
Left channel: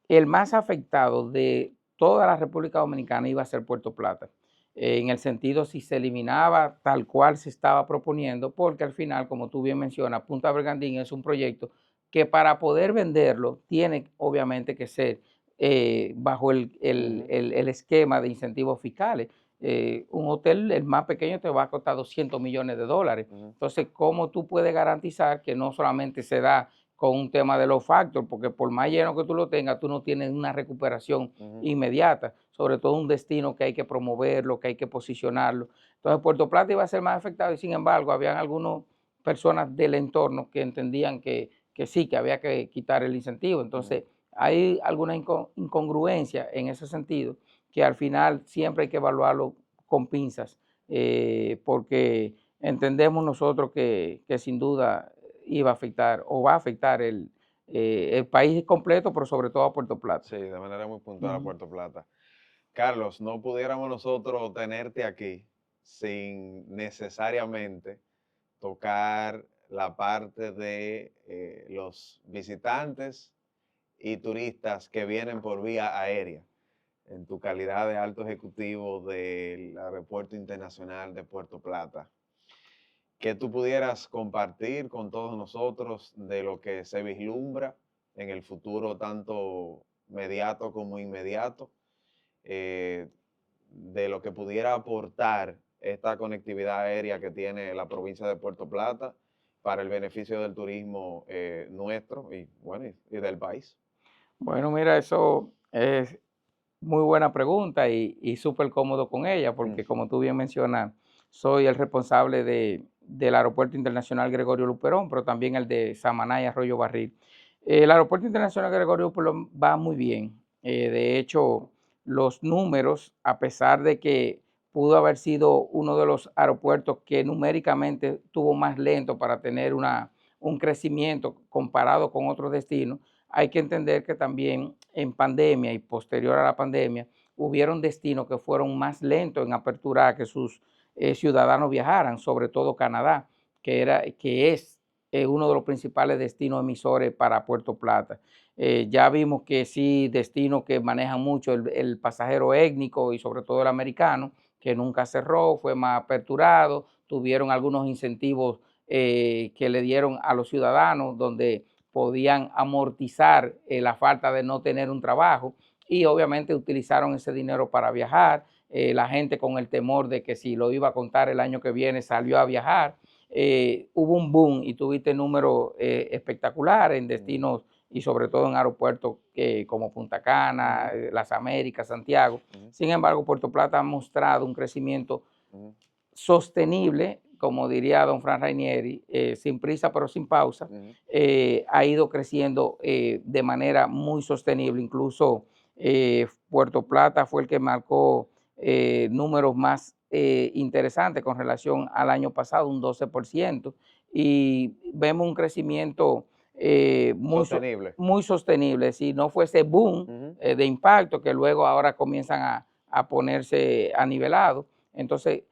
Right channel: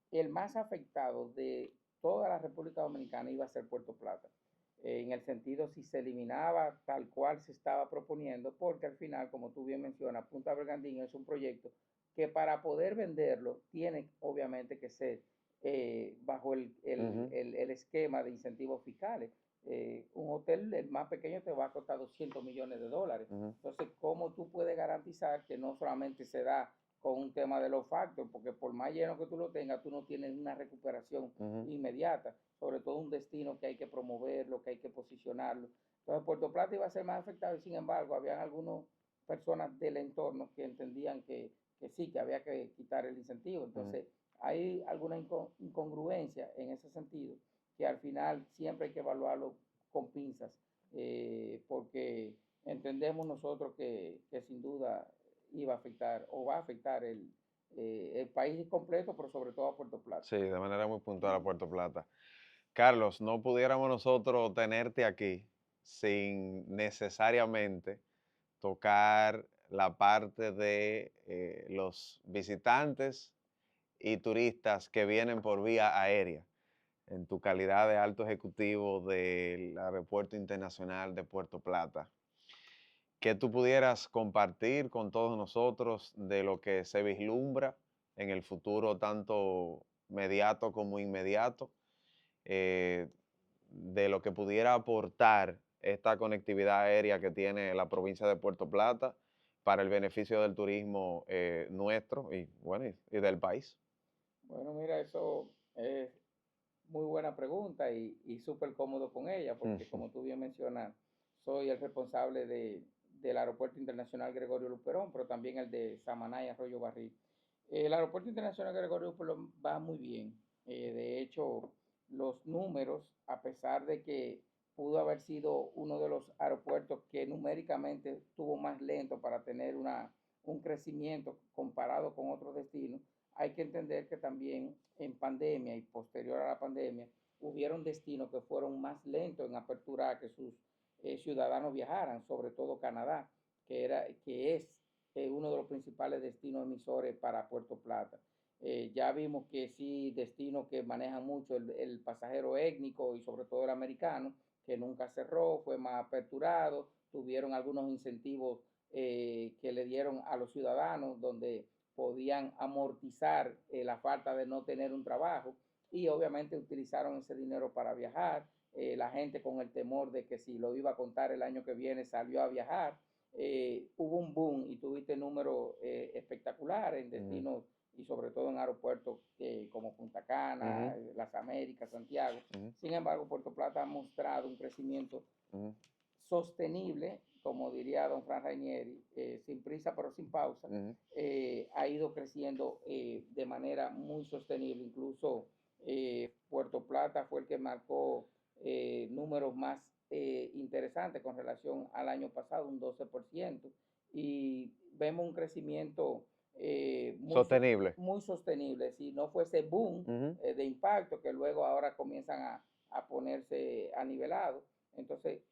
el más afectado de toda la República Dominicana iba a ser Puerto Plata, en el sentido si se eliminaba tal cual se estaba proponiendo, porque al final, como tú bien mencionas, Punta Bergantín es un proyecto que para poder venderlo tiene obviamente que ser bajo Ujú. el esquema de incentivos fiscales. Un hotel, el más pequeño, te va a costar $200 millones. Ujú. Entonces, ¿cómo tú puedes garantizar que no solamente se da con un tema de los factors, porque por más lleno que tú lo tengas, tú no tienes una recuperación inmediata, sobre todo un destino que hay que promoverlo, que hay que posicionarlo. Entonces Puerto Plata iba a ser más afectado y sin embargo habían algunas personas del entorno que entendían que sí, que había que quitar el incentivo. Entonces hay alguna incongruencia en ese sentido que al final siempre hay que evaluarlo con pinzas, porque entendemos nosotros que sin duda iba a afectar o va a afectar el país completo, pero sobre todo a Puerto Plata. Sí, de manera muy puntual a Puerto Plata. Carlos, no pudiéramos nosotros tenerte aquí sin necesariamente tocar la parte de los visitantes y turistas que vienen por vía aérea, en tu calidad de alto ejecutivo del Aeropuerto Internacional de Puerto Plata. Que tú pudieras compartir con todos nosotros de lo que se vislumbra en el futuro, tanto mediato como inmediato, eh, de lo que pudiera aportar esta conectividad aérea que tiene la provincia de Puerto Plata para el beneficio del turismo nuestro y, bueno, y del país. Bueno, mira, eso es muy buena pregunta y súper cómodo con ella, porque como tú bien mencionas, soy el responsable del Aeropuerto Internacional Gregorio Luperón, pero también el de Samaná y Arroyo Barril. El Aeropuerto Internacional Gregorio Luperón va muy bien. De hecho, los números, a pesar de que pudo haber sido uno de los aeropuertos que numéricamente tuvo más lento para tener un crecimiento comparado con otros destinos, hay que entender que también en pandemia y posterior a la pandemia hubieron destinos que fueron más lentos en apertura a que sus ciudadanos viajaran, sobre todo Canadá, que es uno de los principales destinos emisores para Puerto Plata. Ya vimos que sí, destinos que manejan mucho el pasajero étnico y sobre todo el americano, que nunca cerró, fue más aperturado, tuvieron algunos incentivos que le dieron a los ciudadanos donde podían amortizar la falta de no tener un trabajo y obviamente utilizaron ese dinero para viajar. La gente con el temor de que si lo iba a contar el año que viene salió a viajar. Hubo un boom y tuviste números espectaculares en destinos y sobre todo en aeropuertos como Punta Cana, Las Américas, Santiago. Sin embargo, Puerto Plata ha mostrado un crecimiento sostenible, como diría don Fran Rainieri, sin prisa pero sin pausa, ha ido creciendo de manera muy sostenible. Incluso Puerto Plata fue el que marcó números más interesantes con relación al año pasado, un 12%, y vemos un crecimiento Sostenible. muy sostenible. Si no fuese boom de impacto que luego ahora comienzan a ponerse a nivelado, entonces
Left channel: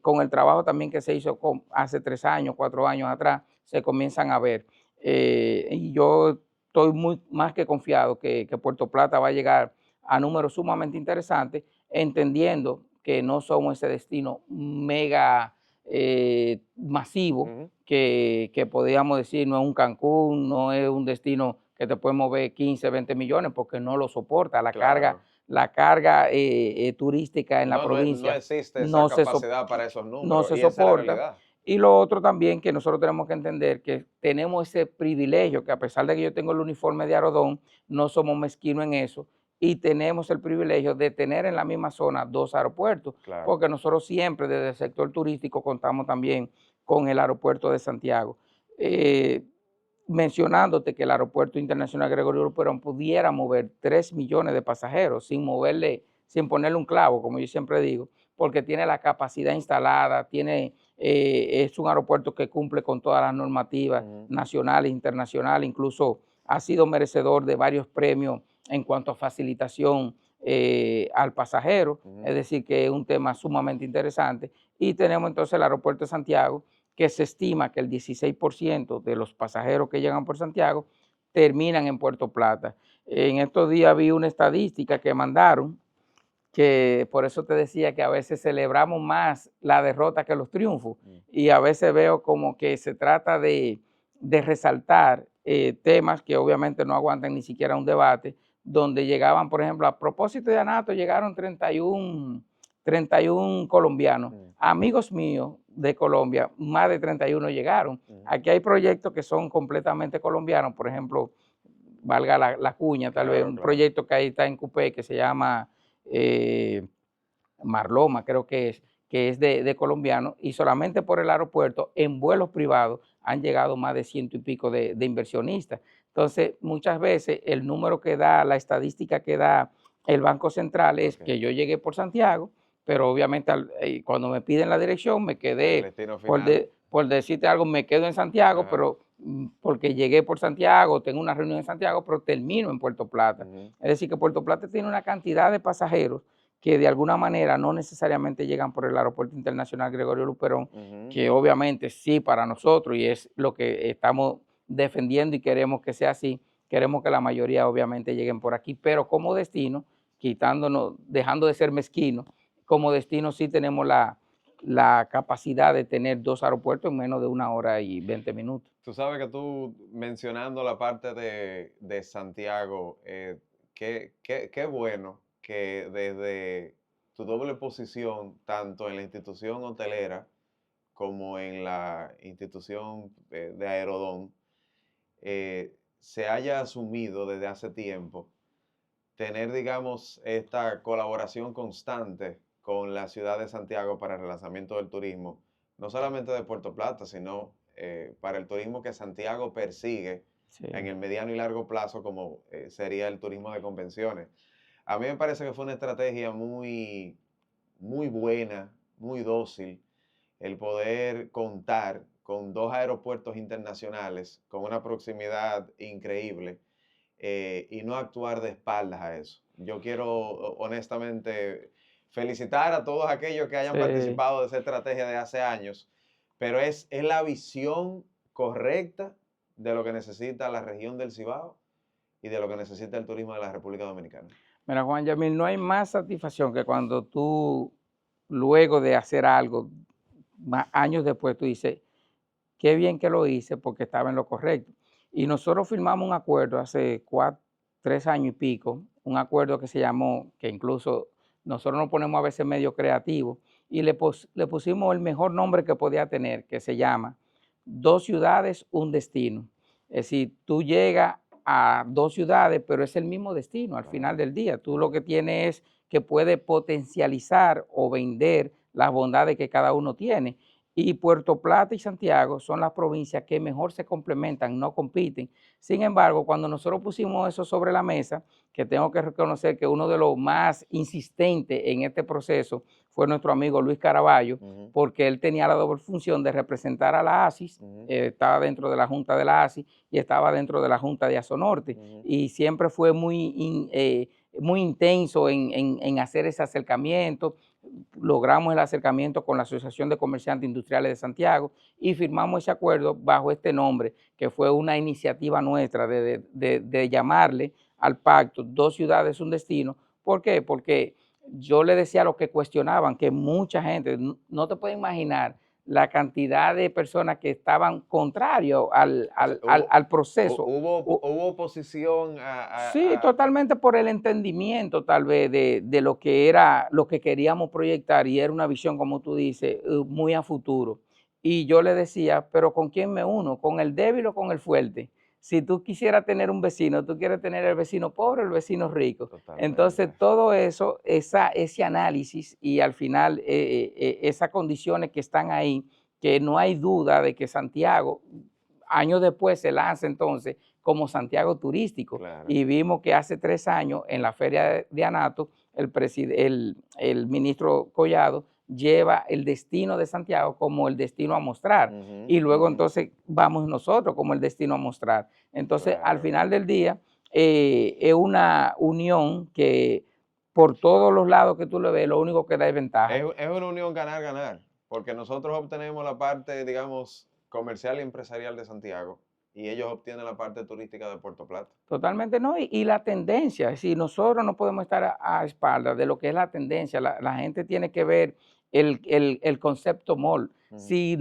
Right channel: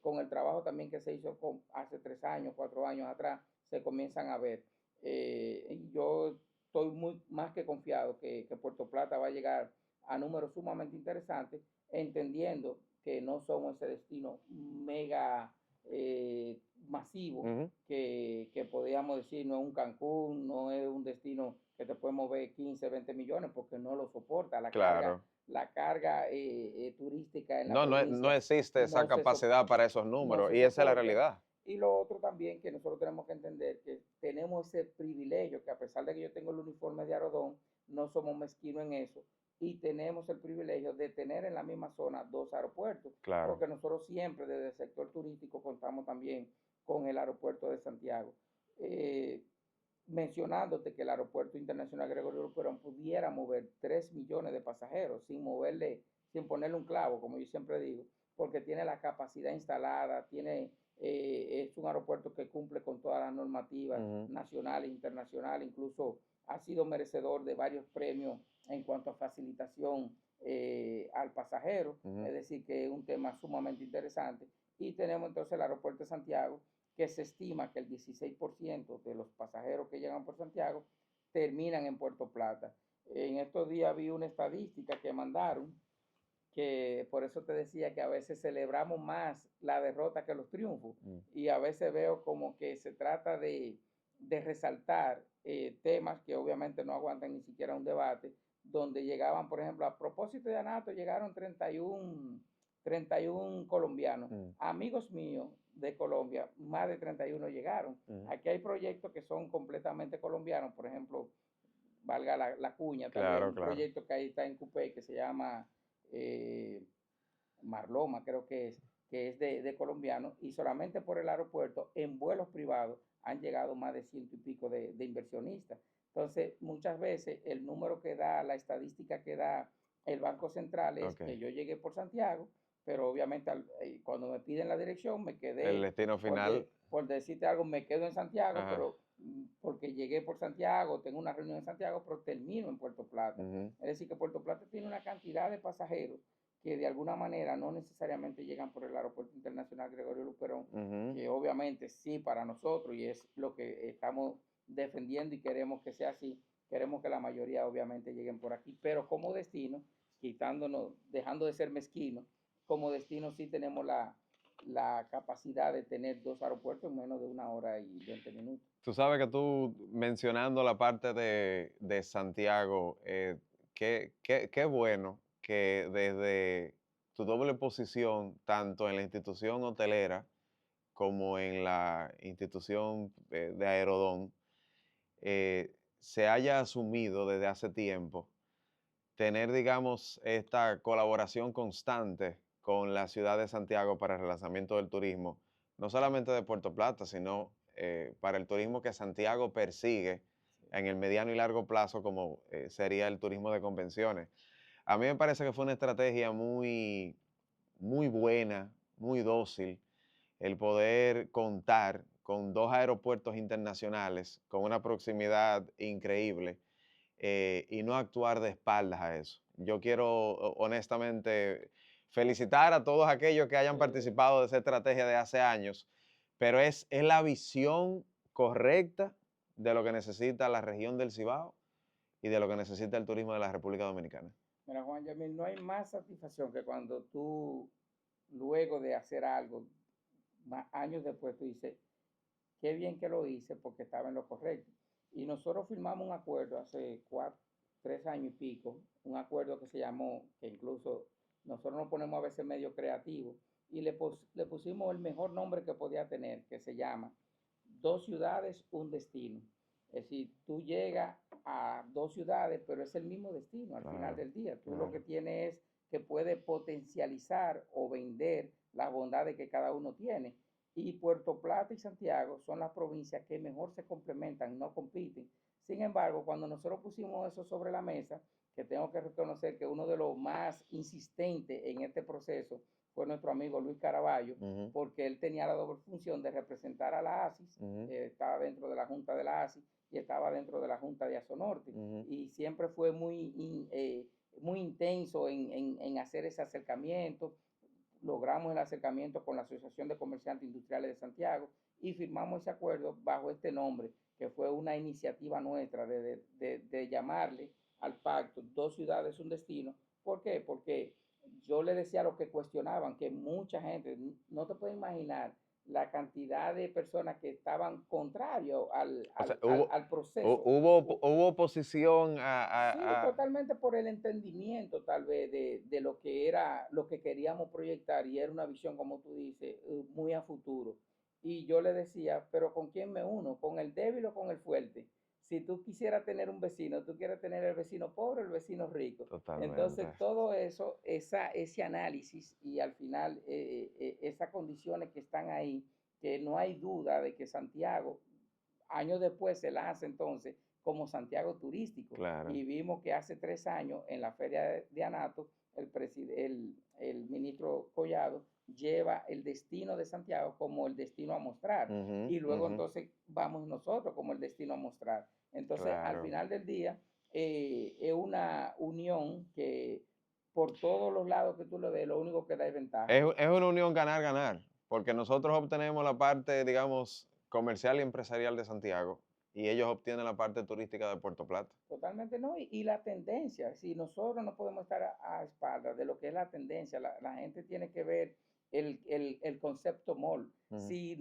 con el trabajo también que se hizo hace 3 años, 4 años atrás, se comienzan a ver. Y yo estoy más que confiado que Puerto Plata va a llegar a números sumamente interesantes, entendiendo que no somos ese destino mega masivo que podríamos decir, no es un Cancún, no es un destino que te puede mover 15, 20 millones, porque no lo soporta. La carga turística en la provincia no existe esa capacidad para esos no números se y esa es la soporta. realidad. Y lo otro también que nosotros tenemos que entender que tenemos ese privilegio, que a pesar de que yo tengo el uniforme de Aerodón, no somos mezquinos en eso y tenemos el privilegio de tener en la misma zona 2 aeropuertos, Claro. porque nosotros siempre desde el sector turístico contamos también con el aeropuerto de Santiago. Mencionándote que el Aeropuerto Internacional Gregorio Luperón pudiera mover 3 millones de pasajeros sin ponerle un clavo, como yo siempre digo, porque tiene la capacidad instalada, es un aeropuerto que cumple con todas las normativas nacionales e internacionales, incluso ha sido merecedor de varios premios en cuanto a facilitación al pasajero, es decir, que es un tema sumamente interesante. Y tenemos entonces el aeropuerto de Santiago, que se estima que el 16% de los pasajeros que llegan por Santiago terminan en Puerto Plata. En estos días vi una estadística que mandaron, que por eso te decía que a veces celebramos más la derrota que los triunfos, y a veces veo como que se trata de resaltar temas que obviamente no aguantan ni siquiera un debate, donde llegaban, por ejemplo, a propósito de Anato, llegaron 31 31 colombianos. Mm. Amigos míos de Colombia, más de 31 llegaron. Aquí hay proyectos que son completamente colombianos, por ejemplo, valga la cuña, tal vez, Claro, un claro. proyecto que ahí está en Cupé que se llama Marloma, creo que es de colombianos, y solamente por el aeropuerto, en vuelos privados, han llegado más de 100 y pico de inversionistas. Entonces, muchas veces el número que da, la estadística que da el Banco Central es Ok. que yo llegué por Santiago, pero obviamente cuando me piden la dirección me El quedé, destino por, final. por decirte algo, me quedo en Santiago, Ajá. pero porque llegué por Santiago, tengo una reunión en Santiago, pero termino en Puerto Plata. Ujú. Es decir, que Puerto Plata tiene una cantidad de pasajeros que de alguna manera no necesariamente llegan por el Aeropuerto Internacional Gregorio Luperón, Ujú. que obviamente sí para nosotros y es lo que estamos defendiendo y queremos que sea así, queremos que la mayoría obviamente lleguen por aquí, pero como destino, quitándonos, dejando de ser mezquino, como destino sí tenemos la capacidad de tener 2 aeropuertos en menos de 1 hora y 20 minutos. Tú sabes que tú mencionando la parte de Santiago, qué bueno que desde tu doble posición, tanto en la institución hotelera como en la institución de Aerodón, se haya asumido desde hace tiempo tener, digamos, esta colaboración constante con la ciudad de Santiago para el relanzamiento del turismo, no solamente de Puerto Plata, sino para el turismo que Santiago persigue Sí, en el mediano y largo plazo, como sería el turismo de convenciones. A mí me parece que fue una estrategia muy, muy buena, muy dócil, el poder contar con 2 aeropuertos internacionales con una proximidad increíble y no actuar de espaldas a eso. Yo quiero honestamente felicitar a todos aquellos que hayan sí. participado de esa estrategia de hace años, pero es la visión correcta de lo que necesita la región del Cibao y de lo que necesita el turismo de la República Dominicana. Mira, Juan Yamil, no hay más satisfacción que cuando tú, luego de hacer algo, años después, tú dices, qué bien que lo hice porque estaba en lo correcto. Y nosotros firmamos un acuerdo hace 3 años y pico, un acuerdo que se llamó, que incluso nosotros nos ponemos a veces medio creativos, y le pusimos el mejor nombre que podía tener, que se llama 2 ciudades, un destino. Es decir, tú llegas a 2 ciudades, pero es el mismo destino al final Claro, del día. Tú lo claro. que tienes es que puedes potencializar o vender las bondades que cada uno tiene. Y Puerto Plata y Santiago son las provincias que mejor se complementan, no compiten. Sin embargo, cuando nosotros pusimos eso sobre la mesa, que tengo que reconocer que uno de los más insistentes en este proceso fue nuestro amigo Luis Caraballo, Ujú, porque él tenía la doble función de representar a la ASIS, ujú, estaba dentro de la Junta de la ASIS y estaba dentro de la Junta de Azonorte, ujú. y siempre fue muy intenso en hacer ese acercamiento. Logramos el acercamiento con la Asociación de Comerciantes Industriales de Santiago y firmamos ese acuerdo bajo este nombre, que fue una iniciativa nuestra de llamarle al pacto 2 ciudades, un destino. ¿Por qué? Porque yo le decía a los que cuestionaban que mucha gente, no te puedes imaginar la cantidad de personas que estaban contrarios al, O sea, al, al, al proceso. hubo oposición Sí, totalmente por el entendimiento tal vez de lo que era, lo que queríamos proyectar, y era una visión, como tú dices, muy a futuro. Y yo le decía, pero ¿con quién me uno? ¿Con el débil o con el fuerte? Si tú quisieras tener un vecino, tú quieres tener el vecino pobre o el vecino rico. Entonces, totalmente. todo eso, ese análisis y al final esas condiciones que están ahí, que no hay duda de que Santiago, años después se lanza entonces como Santiago turístico, Claro. y vimos que hace 3 años en la feria de Anato, el ministro Collado lleva el destino de Santiago como el destino a mostrar, Ujú, y luego ujú, entonces vamos nosotros como el destino a mostrar. Entonces, al claro. final del día, es una unión que por todos los lados que tú le ves, lo único que da es ventaja. Es una unión ganar-ganar, porque nosotros obtenemos la parte, digamos, comercial y empresarial de Santiago y ellos obtienen la parte turística de Puerto Plata. Totalmente no, y la tendencia, es decir, nosotros no podemos estar a espaldas de lo que es la tendencia, la gente tiene que ver el concepto mall. Ujú, Si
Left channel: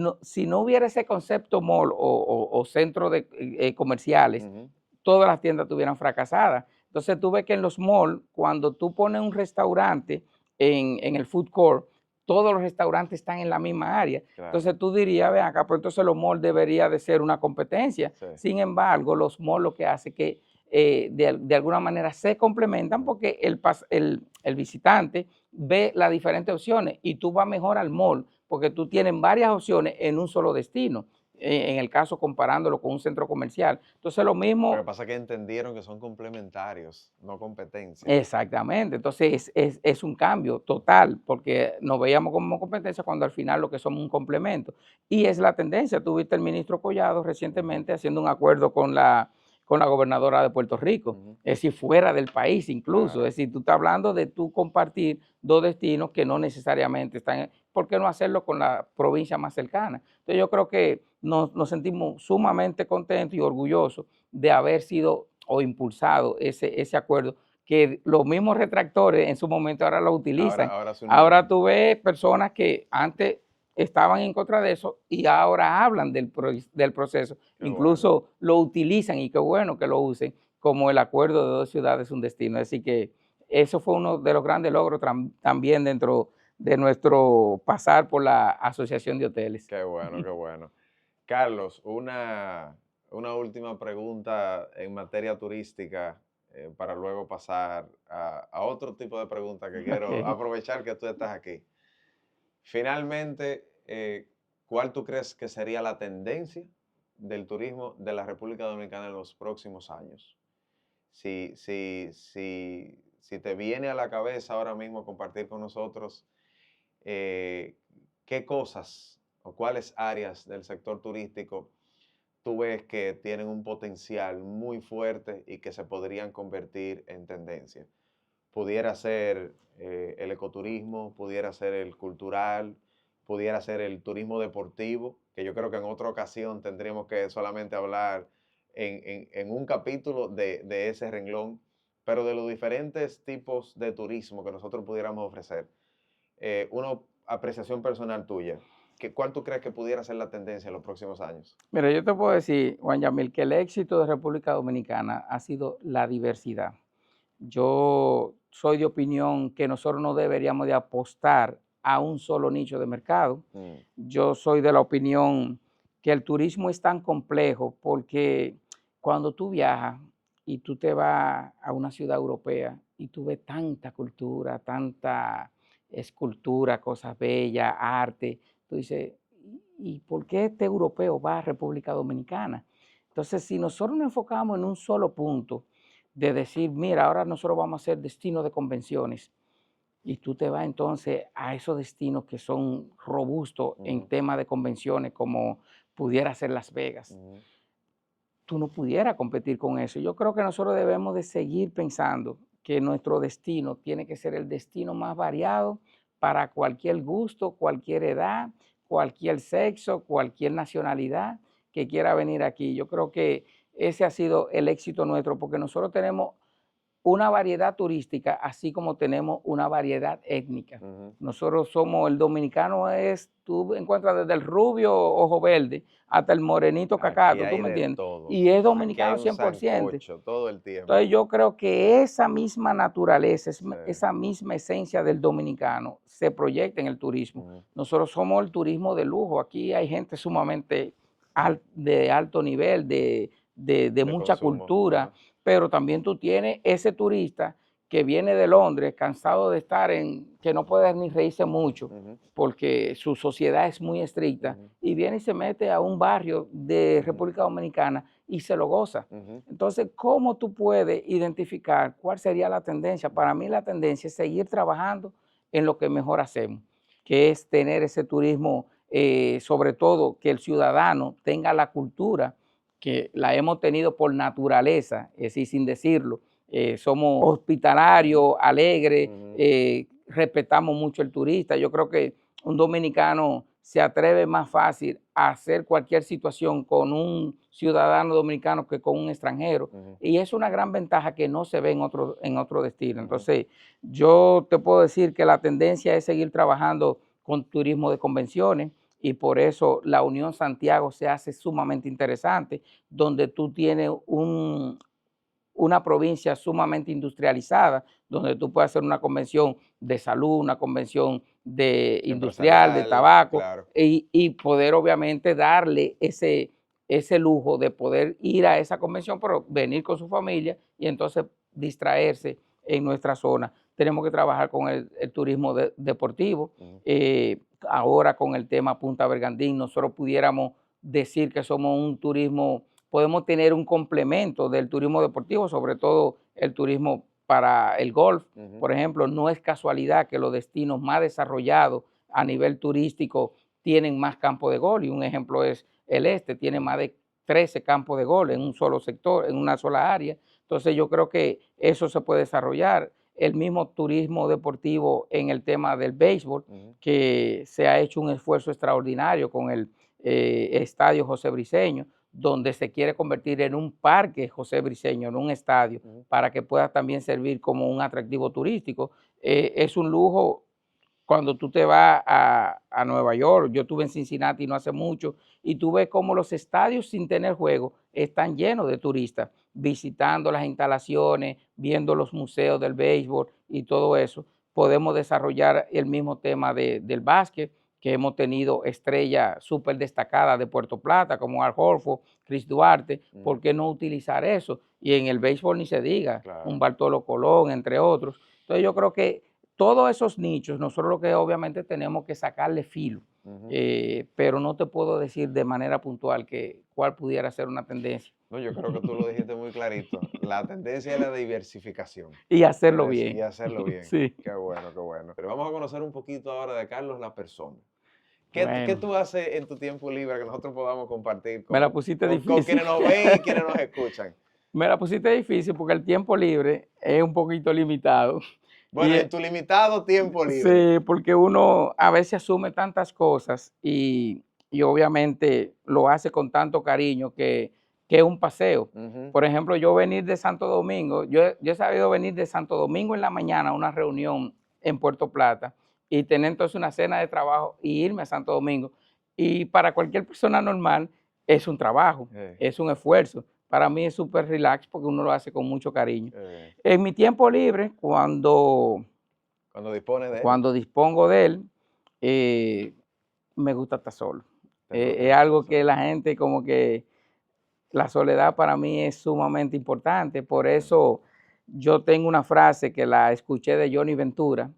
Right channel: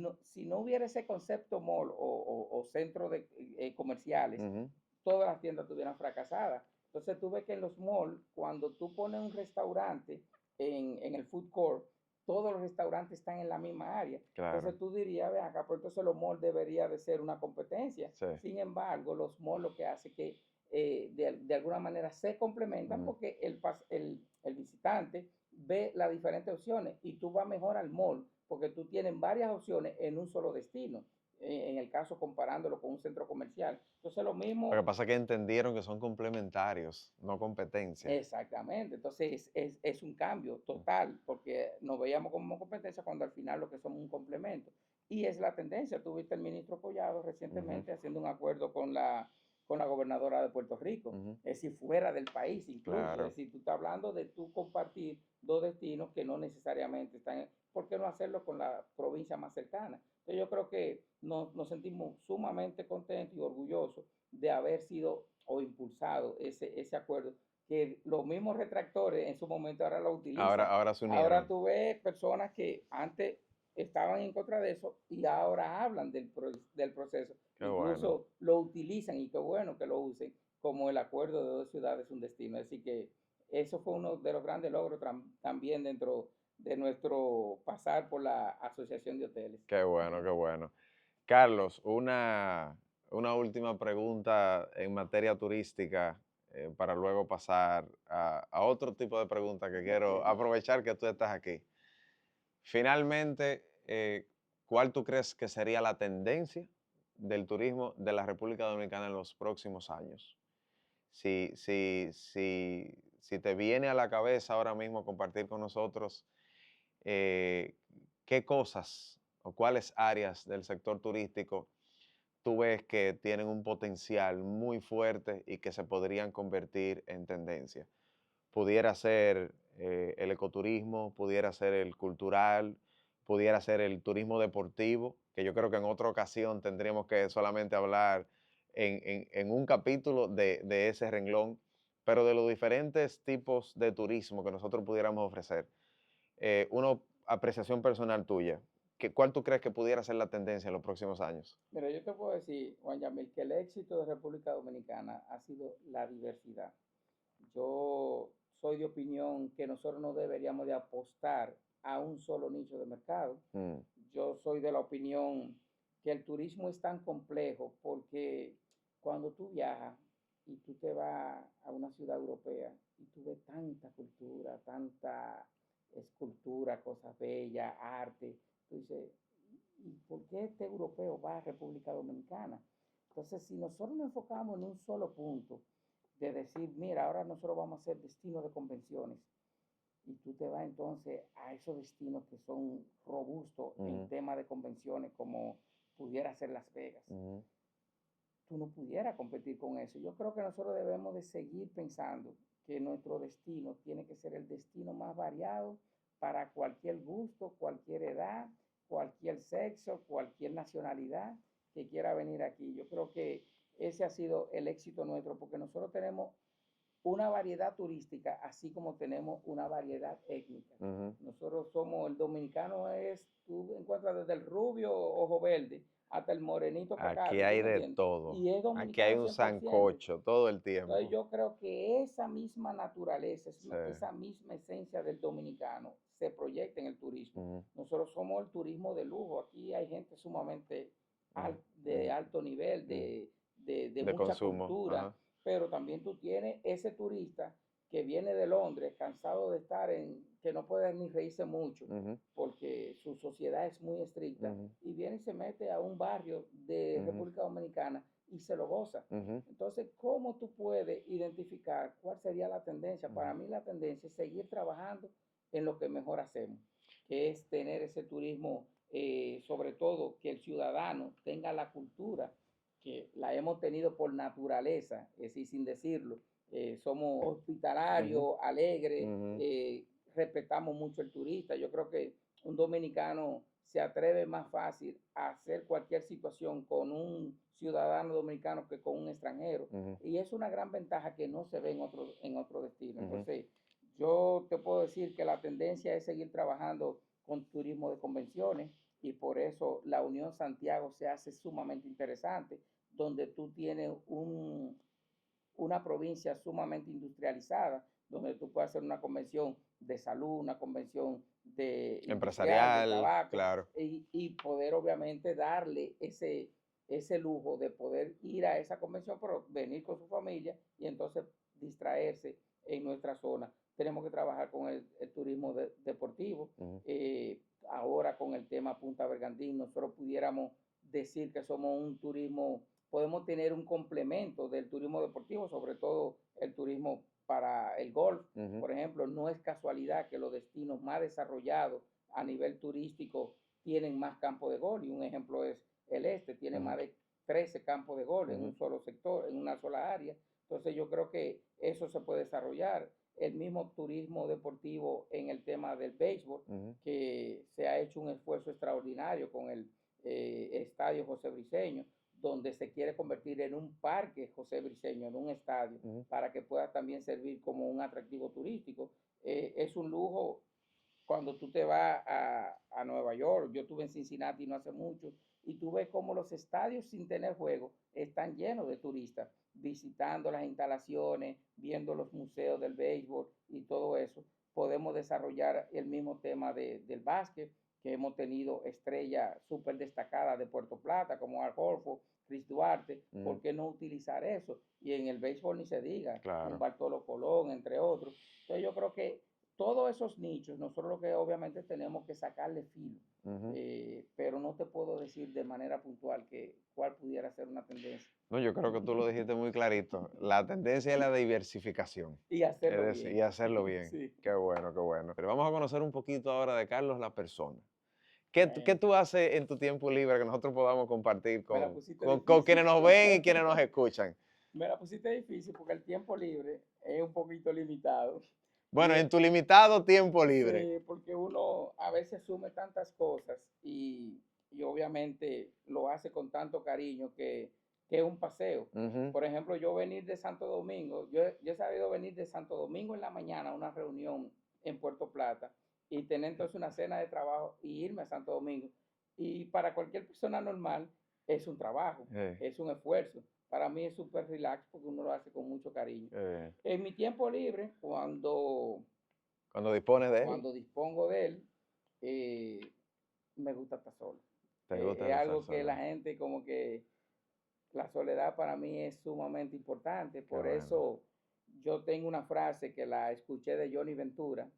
no hubiera ese concepto mall o centro de comerciales, ujú, todas las tiendas estuvieran fracasadas. Entonces tú ves que en los malls, cuando tú pones un restaurante en el food court, todos los restaurantes están en la misma área. Entonces Claro. tú dirías, ven acá, pues entonces los malls debería de ser una competencia. Sí. Sin embargo, los malls lo que hace que de alguna manera se complementan Ujú. porque el visitante ve las diferentes opciones y tú vas mejor al mall porque tú tienes varias opciones en un solo destino. En el caso comparándolo con un centro comercial. Entonces lo Lo que mismo. pasa es que entendieron que son complementarios, no competencia. Exactamente, entonces es un cambio total, porque nos veíamos como competencia cuando al final lo que somos un complemento. Y es la tendencia, tuviste el ministro Collado Ujú, recientemente haciendo un acuerdo con la gobernadora de Puerto Rico, ujú. es decir, fuera del país incluso, Claro. es decir, tú estás hablando de tú compartir dos destinos que no necesariamente están, ¿por qué no hacerlo con la provincia más cercana? Entonces yo creo que nos sentimos sumamente contentos y orgullosos de haber sido o impulsado ese acuerdo, que los mismos retractores en su momento ahora lo Ahora, utilizan. ahora se Ahora unieron. tú ves personas que antes estaban en contra de eso y ahora hablan del proceso, Qué bueno. incluso lo utilizan y qué bueno que lo usen como el acuerdo de dos ciudades, un destino. Así que eso fue uno de los grandes logros también dentro de nuestro pasar por la Asociación de Hoteles. Qué bueno, qué bueno. Carlos, una última pregunta en materia turística para luego pasar a otro tipo de preguntas que quiero Ok. aprovechar que tú estás aquí. Finalmente, ¿cuál tú crees que sería la tendencia del turismo de la República Dominicana en los próximos años? Si te viene a la cabeza ahora mismo compartir con nosotros eh, qué cosas o cuáles áreas del sector turístico tú ves que tienen un potencial muy fuerte y que se podrían convertir en tendencia. Pudiera ser el ecoturismo, pudiera ser el cultural, pudiera ser el turismo deportivo, que yo creo que en otra ocasión tendríamos que solamente hablar en un capítulo de ese renglón, pero de los diferentes tipos de turismo que nosotros pudiéramos ofrecer. Una apreciación personal tuya, ¿cuál tú crees que pudiera ser la tendencia en los próximos años? Mira, yo te puedo decir, Juan Yamil, que el éxito de República Dominicana ha sido la diversidad. Yo soy de opinión que nosotros no deberíamos de apostar a un solo nicho de mercado. Mm, Yo soy de la opinión que el turismo es tan complejo porque cuando tú viajas y tú te vas a una ciudad europea y tú ves tanta cultura, tanta escultura, cosas bellas, arte, tú dices, ¿y por qué este europeo va a República Dominicana? Entonces, si nosotros nos enfocamos en un solo punto, de decir, mira, ahora nosotros vamos a ser destino de convenciones, y tú te vas entonces a esos destinos que son robustos en ujú, tema de convenciones, como pudiera ser Las Vegas, ujú, tú no pudieras competir con eso. Yo creo que nosotros debemos de seguir pensando que nuestro destino tiene que ser el destino más variado para cualquier gusto, cualquier edad, cualquier sexo, cualquier nacionalidad que quiera venir aquí. Yo creo que ese ha sido el éxito nuestro, porque nosotros tenemos una variedad turística, así como tenemos una variedad étnica. ujú. Nosotros somos, el dominicano es, tú encuentras desde el rubio ojo verde hasta el morenito Aquí cacato, ¿tú hay me de entiendes? todo. Y es Aquí hay dominicano un 100%. sancocho todo el Entonces tiempo. yo creo que esa misma naturaleza, Sí. esa misma esencia del dominicano se proyecta en el turismo. Ujú, Nosotros somos el turismo de lujo. Aquí hay gente sumamente de alto nivel, de de mucha consumo. cultura, Ajá. pero también tú tienes ese turista que viene de Londres, cansado de estar que no puede ni reírse mucho, Ujú, porque su sociedad es muy estricta, ujú, y viene y se mete a un barrio de ujú, República Dominicana y se lo goza. ujú, Entonces, ¿cómo tú puedes identificar cuál sería la tendencia? Para ujú, mí la tendencia es seguir trabajando en lo que mejor hacemos, que es tener ese turismo, sobre todo que el ciudadano tenga la cultura, que la hemos tenido por naturaleza, es decir, sin decirlo. Somos ujú, hospitalarios, alegres, ujú, respetamos mucho el turista. Yo creo que un dominicano se atreve más fácil a hacer cualquier situación con un ciudadano dominicano que con un extranjero. ujú, Y es una gran ventaja que no se ve en otro destino. ujú. Entonces, yo te puedo decir que la tendencia es seguir trabajando con turismo de convenciones, y por eso la Unión Santiago se hace sumamente interesante, donde tú tienes una provincia sumamente industrializada, donde tú puedes hacer una convención de salud, una convención de industrial, de Empresarial, tabaco, claro. y poder obviamente darle ese lujo de poder ir a esa convención, pero venir con su familia y entonces distraerse en nuestra zona. Tenemos que trabajar con el turismo deportivo. Ahora con el tema Punta Bergandín, nosotros pudiéramos decir que somos un turismo, podemos tener un complemento del turismo deportivo, sobre todo el turismo para el golf. Por ejemplo, no es casualidad que los destinos más desarrollados a nivel turístico tienen más campos de golf, y un ejemplo es el este, tiene más de 13 campos de golf en un solo sector, en una sola área. Entonces yo creo que eso se puede desarrollar. El mismo turismo deportivo en el tema del béisbol, que se ha hecho un esfuerzo extraordinario con el estadio José Briceño, donde se quiere convertir en un parque José Briceño, en un estadio, para que pueda también servir como un atractivo turístico. Es un lujo cuando tú te vas a Nueva York. Yo estuve en Cincinnati no hace mucho, y tú ves cómo los estadios sin tener juego están llenos de turistas, visitando las instalaciones, viendo los museos del béisbol y todo eso. Podemos desarrollar el mismo tema del básquet, que hemos tenido estrellas súper destacadas de Puerto Plata, como Al Horford, Chris Duarte. ¿Por qué no utilizar eso? Y en el béisbol ni se diga, Claro. un Bartolo Colón, entre otros. Entonces yo creo que todos esos nichos, nosotros lo que obviamente tenemos que sacarle filo, pero no te puedo decir de manera puntual cuál pudiera ser una tendencia. No, yo creo que tú lo dijiste muy clarito. La tendencia es la diversificación. Y hacerlo Y bien. hacerlo bien. Sí. Qué bueno, qué bueno. Pero vamos a conocer un poquito ahora de Carlos, la persona. ¿Qué Bueno, tú haces en tu tiempo libre que nosotros podamos compartir me la con, pusiste con difícil. quienes nos ven y quienes nos escuchan? Me la pusiste difícil porque el tiempo libre es un poquito limitado. Bueno, Y, en tu limitado tiempo libre. sí, porque uno a veces asume tantas cosas y obviamente lo hace con tanto cariño que es un paseo. Por ejemplo, yo venir de Santo Domingo, yo he sabido venir de Santo Domingo en la mañana a una reunión en Puerto Plata y tener entonces una cena de trabajo y irme a Santo Domingo. Y para cualquier persona normal es un trabajo, es un esfuerzo. Para mí es súper relax porque uno lo hace con mucho cariño. En mi tiempo libre, Cuando dispones de él. cuando dispongo de él, me gusta estar solo. Te gusta Es estar algo que solo. la gente como que la soledad para mí es sumamente importante. Por bueno. eso yo tengo una frase que la escuché de Johnny Ventura,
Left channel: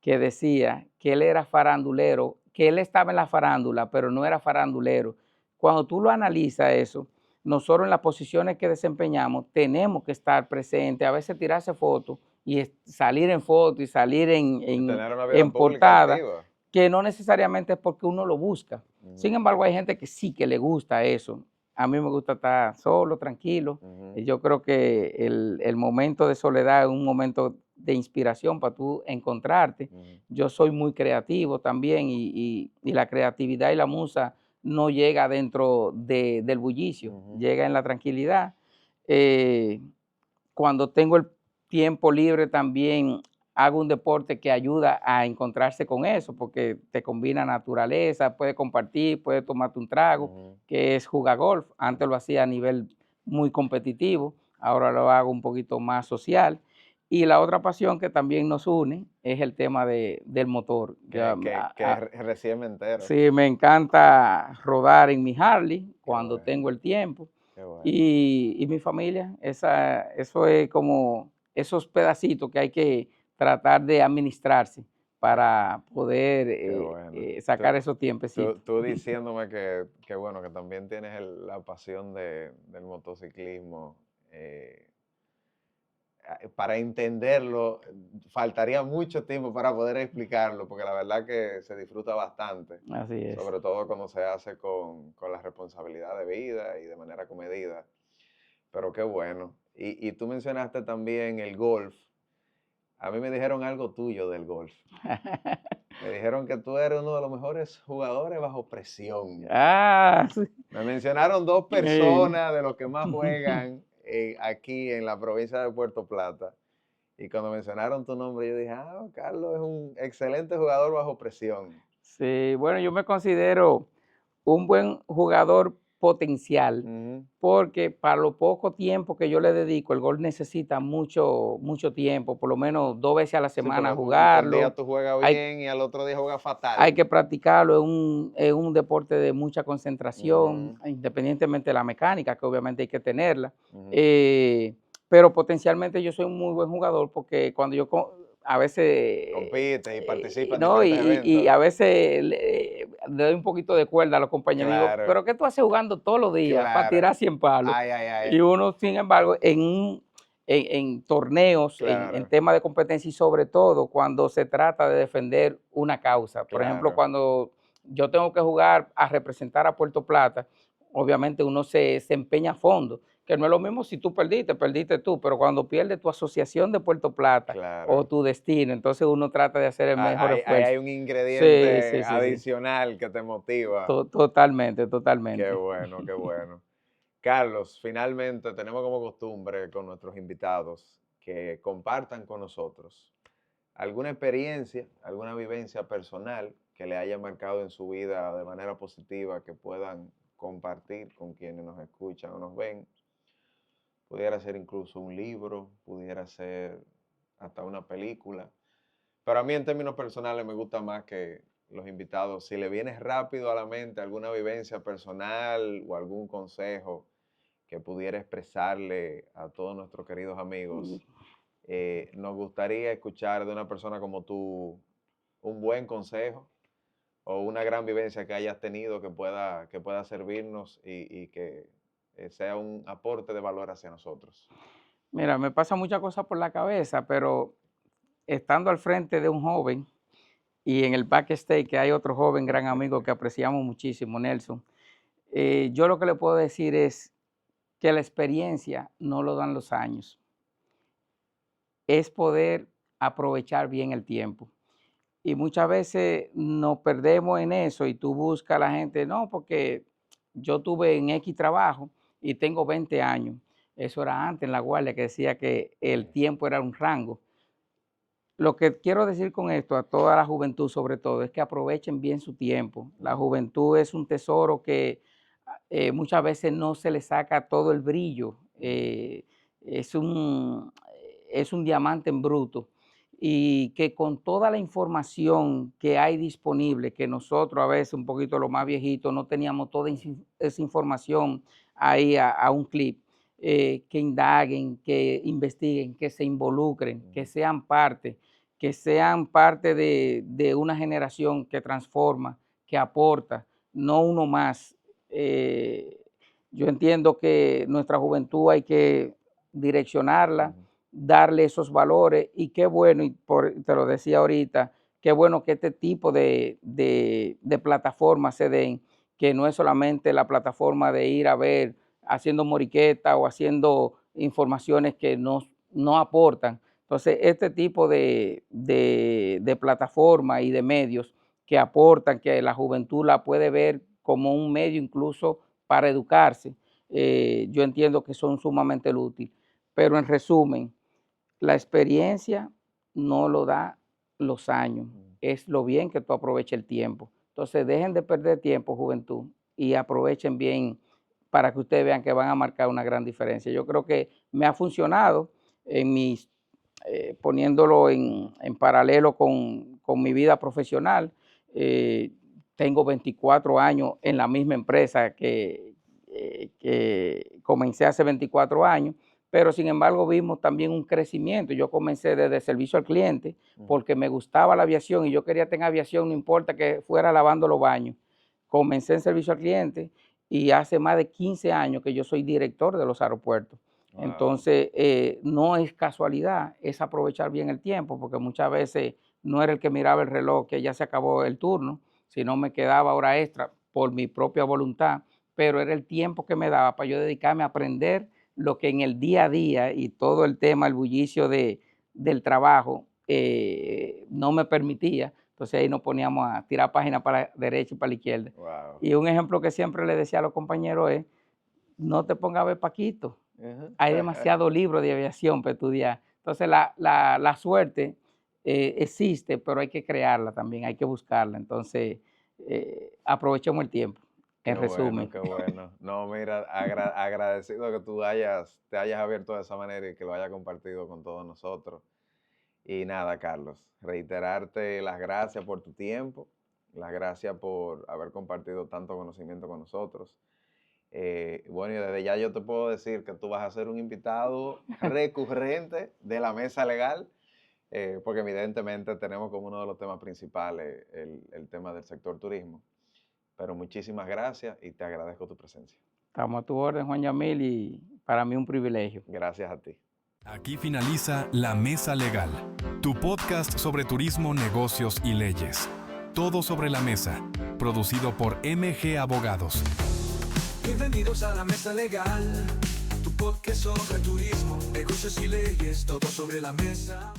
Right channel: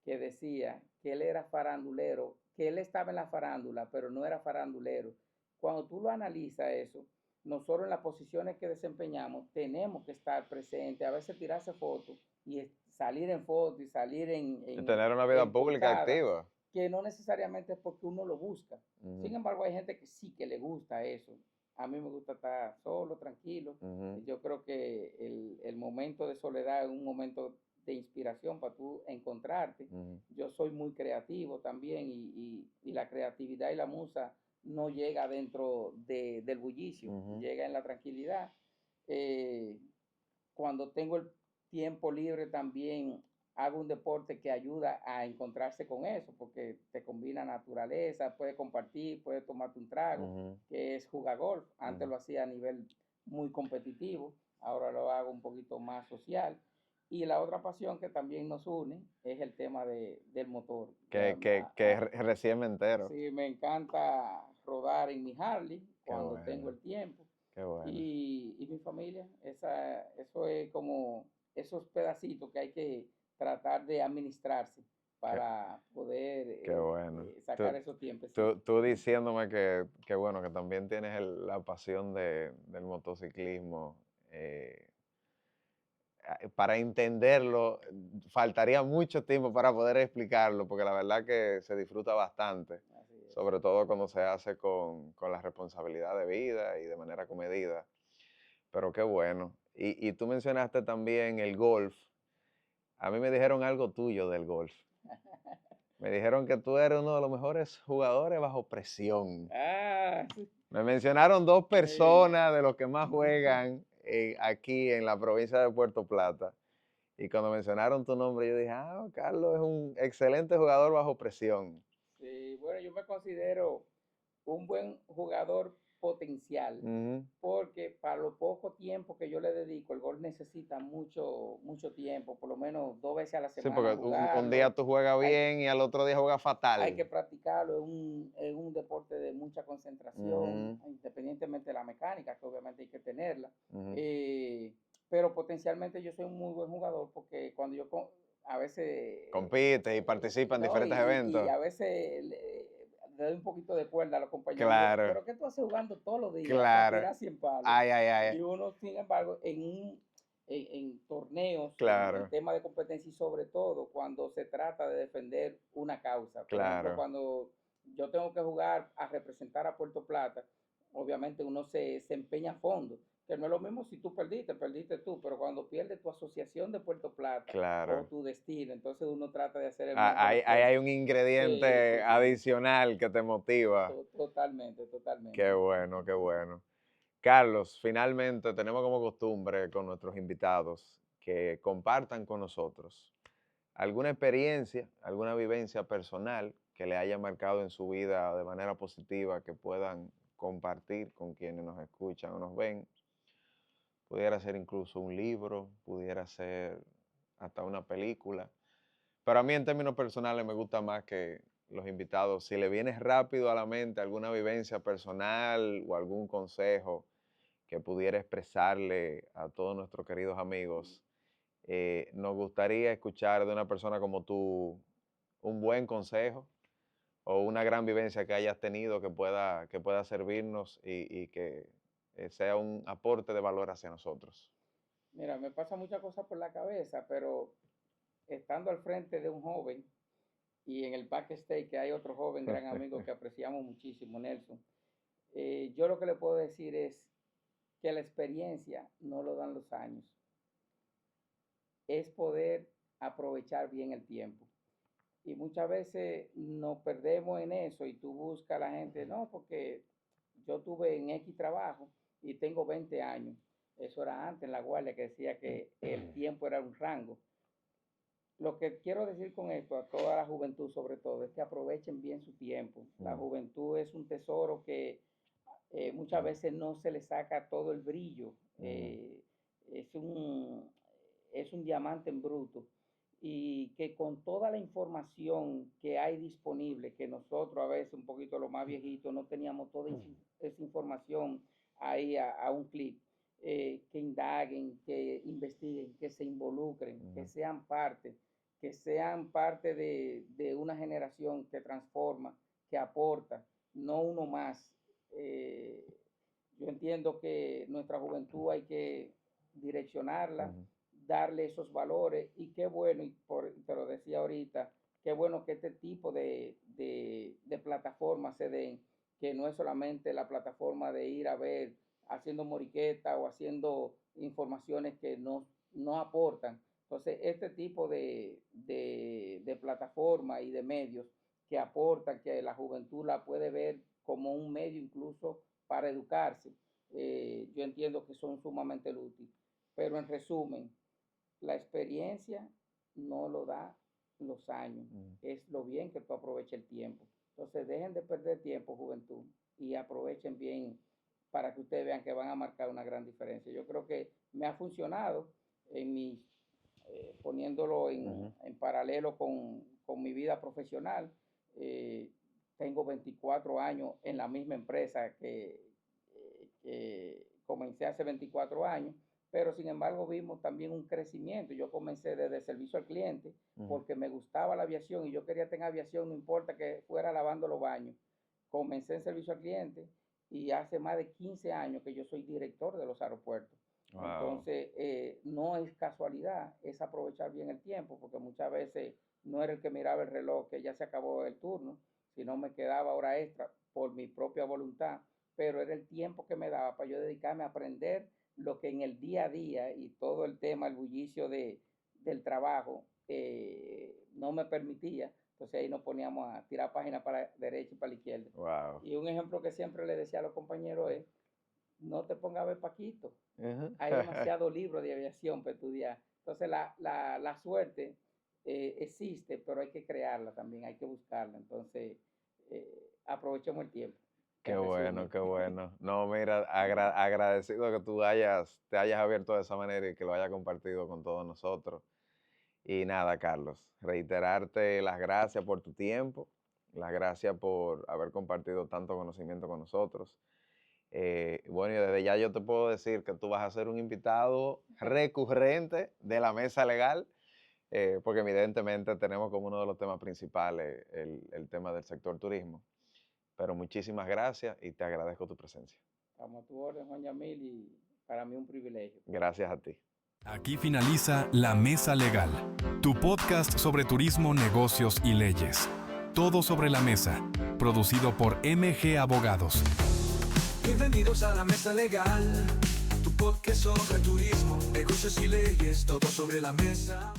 que decía que él era farandulero, que él estaba en la farándula, pero no era farandulero. Cuando tú lo analizas eso, nosotros en las posiciones que desempeñamos tenemos que estar presentes, a veces tirarse fotos y salir en foto y salir Y tener una vida en pública portada, activa. que no necesariamente es porque uno lo busca. Sin embargo, hay gente que sí que le gusta eso. A mí me gusta estar solo, tranquilo. Y yo creo que el momento de soledad es un momento de inspiración para tú encontrarte. Yo soy muy creativo también, y la creatividad y la musa no llega dentro del bullicio, llega en la tranquilidad. Cuando tengo el tiempo libre también hago un deporte que ayuda a encontrarse con eso, porque te combina naturaleza, puedes compartir, puedes tomarte un trago, que es jugar golf. Antes lo hacía a nivel muy competitivo, ahora lo hago un poquito más social. Y la otra pasión que también nos une es el tema del motor. Que es recién me entero. Sí, me encanta rodar en mi Harley cuando bueno. tengo el tiempo. Qué bueno. Y mi familia, eso es como esos pedacitos que hay que tratar de administrarse para poder bueno. sacar esos tiempos. Tú diciéndome que bueno, que también tienes la pasión del motociclismo. Para entenderlo, faltaría mucho tiempo para poder explicarlo, porque la verdad que se disfruta bastante. Así es. Sobre todo cuando se hace con la responsabilidad de vida y de manera comedida. Pero qué bueno. Y tú mencionaste también el golf. A mí me dijeron algo tuyo del golf. Me dijeron que tú eres uno de los mejores jugadores bajo presión. Sí. Me mencionaron dos personas de los que más juegan aquí en la provincia de Puerto Plata. Y cuando mencionaron tu nombre, yo dije, Carlos es un excelente jugador bajo presión. Sí, bueno, yo me considero un buen jugador potencial, Ujú. porque para lo poco tiempo que yo le dedico, el golf necesita mucho tiempo, por lo menos 2 veces a la Sí, semana porque un día jugarlo. tú juegas Hay bien y al otro día juegas hay fatal. que practicarlo, es un deporte de mucha concentración, Ujú, independientemente de la mecánica, que obviamente hay que tenerla. ujú. eh, pero potencialmente yo soy un muy buen jugador porque cuando yo a veces, Compites y participas en no, diferentes y eventos. a veces le doy un poquito de cuerda a los compañeros. Digo, Claro, pero ¿qué tú haces jugando todos los días para claro. tirar 100 palos? Ay, ay, ay. Y uno, sin embargo, en torneos, en Claro, temas de competencia y sobre todo cuando se trata de defender una causa. Por ejemplo, claro. cuando yo tengo que jugar a representar a Puerto Plata, obviamente uno se empeña a fondo, que no es lo mismo si tú perdiste tú, pero cuando pierde tu asociación de Puerto Plata o Claro. tu destino, entonces uno trata de hacer el mejor Ahí esfuerzo. hay un Sí, ingrediente sí, sí, sí. adicional que te motiva. Totalmente, Qué totalmente. bueno, qué bueno. Carlos, finalmente tenemos como costumbre con nuestros invitados que compartan con nosotros alguna experiencia, alguna vivencia personal que le haya marcado en su vida de manera positiva, que puedan compartir con quienes nos escuchan o nos ven. Pudiera ser incluso un libro, pudiera ser hasta una película. Pero a mí en términos personales me gusta más que los invitados, si le viene rápido a la mente alguna vivencia personal o algún consejo que pudiera expresarle a todos nuestros queridos amigos, nos gustaría escuchar de una persona como tú un buen consejo o una gran vivencia que hayas tenido que pueda servirnos y que sea un aporte de valor hacia nosotros. Mira, me pasa muchas cosas por la cabeza, pero estando al frente de un joven y en el backstage que hay otro joven gran amigo que apreciamos muchísimo, Nelson, yo lo que le puedo decir es que la experiencia no lo dan los años, es poder aprovechar bien el tiempo. Y muchas veces nos perdemos en eso y tú buscas a la gente, no, porque yo tuve en X trabajo y tengo 20 años. Eso era antes en la guardia que decía que el tiempo era un rango. Lo que quiero decir con esto a toda la juventud sobre todo es que aprovechen bien su tiempo. La Ujú, juventud es un tesoro que muchas veces no se le saca todo el brillo. ujú, Es un, es un diamante en bruto y que con toda la información que hay disponible, que nosotros a veces un poquito los más viejitos no teníamos toda esa información ahí a un clip, que indaguen, que investiguen, que se involucren, ujú. que sean parte de una generación que transforma, que aporta, no uno más. Eh, yo entiendo que nuestra juventud hay que direccionarla, Ujú, darle esos valores y qué bueno, y te lo decía ahorita, qué bueno que este tipo de plataformas se den, que no es solamente la plataforma de ir a ver haciendo moriqueta o haciendo informaciones que no aportan. Entonces, este tipo de plataforma y de medios que aportan, que la juventud la puede ver como un medio incluso para educarse, yo entiendo que son sumamente útiles. Pero en resumen, la experiencia no lo da los años, ujú. es lo bien que tú aproveches el tiempo. Entonces, dejen de perder tiempo, juventud, y aprovechen bien para que ustedes vean que van a marcar una gran diferencia. Yo creo que me ha funcionado en mis, poniéndolo Ujú. en paralelo con mi vida profesional. eh, Tengo 24 años en la misma empresa que comencé hace 24 años, pero sin embargo vimos también un crecimiento. Yo comencé desde servicio al cliente Ujú. porque me gustaba la aviación y yo quería tener aviación, no importa que fuera lavando los baños. Comencé en servicio al cliente y hace más de 15 años que yo soy director de los aeropuertos. Wow. Entonces, no es casualidad, es aprovechar bien el tiempo, porque muchas veces no era el que miraba el reloj, que ya se acabó el turno, sino me quedaba hora extra por mi propia voluntad, pero era el tiempo que me daba para yo dedicarme a aprender lo que en el día a día y todo el tema, el bullicio del trabajo, no me permitía. Entonces ahí nos poníamos a tirar páginas para la derecha y para la izquierda. Wow. Y un ejemplo que siempre le decía a los compañeros es, no te pongas a ver Paquito, Ujú. hay demasiados libros de aviación para estudiar. Entonces la suerte existe, pero hay que crearla también, hay que buscarla. Entonces, aprovechemos el tiempo. Qué en resumen. bueno, qué bueno. No, mira, agradecido que te hayas abierto de esa manera y que lo hayas compartido con todos nosotros. Y nada, Carlos, reiterarte las gracias por tu tiempo, las gracias por haber compartido tanto conocimiento con nosotros. Bueno, y desde ya yo te puedo decir que tú vas a ser un invitado recurrente de la mesa legal, porque evidentemente tenemos como uno de los temas principales el tema del sector turismo. Pero muchísimas gracias y te agradezco tu presencia. Estamos a tu orden, Juan Yamil, y para mí un privilegio. Gracias a ti. Aquí finaliza La Mesa Legal, tu podcast sobre turismo, negocios y leyes. Todo sobre la mesa, producido por MG Abogados. Bienvenidos a la Mesa Legal, tu podcast sobre turismo, negocios y leyes, todo sobre la mesa.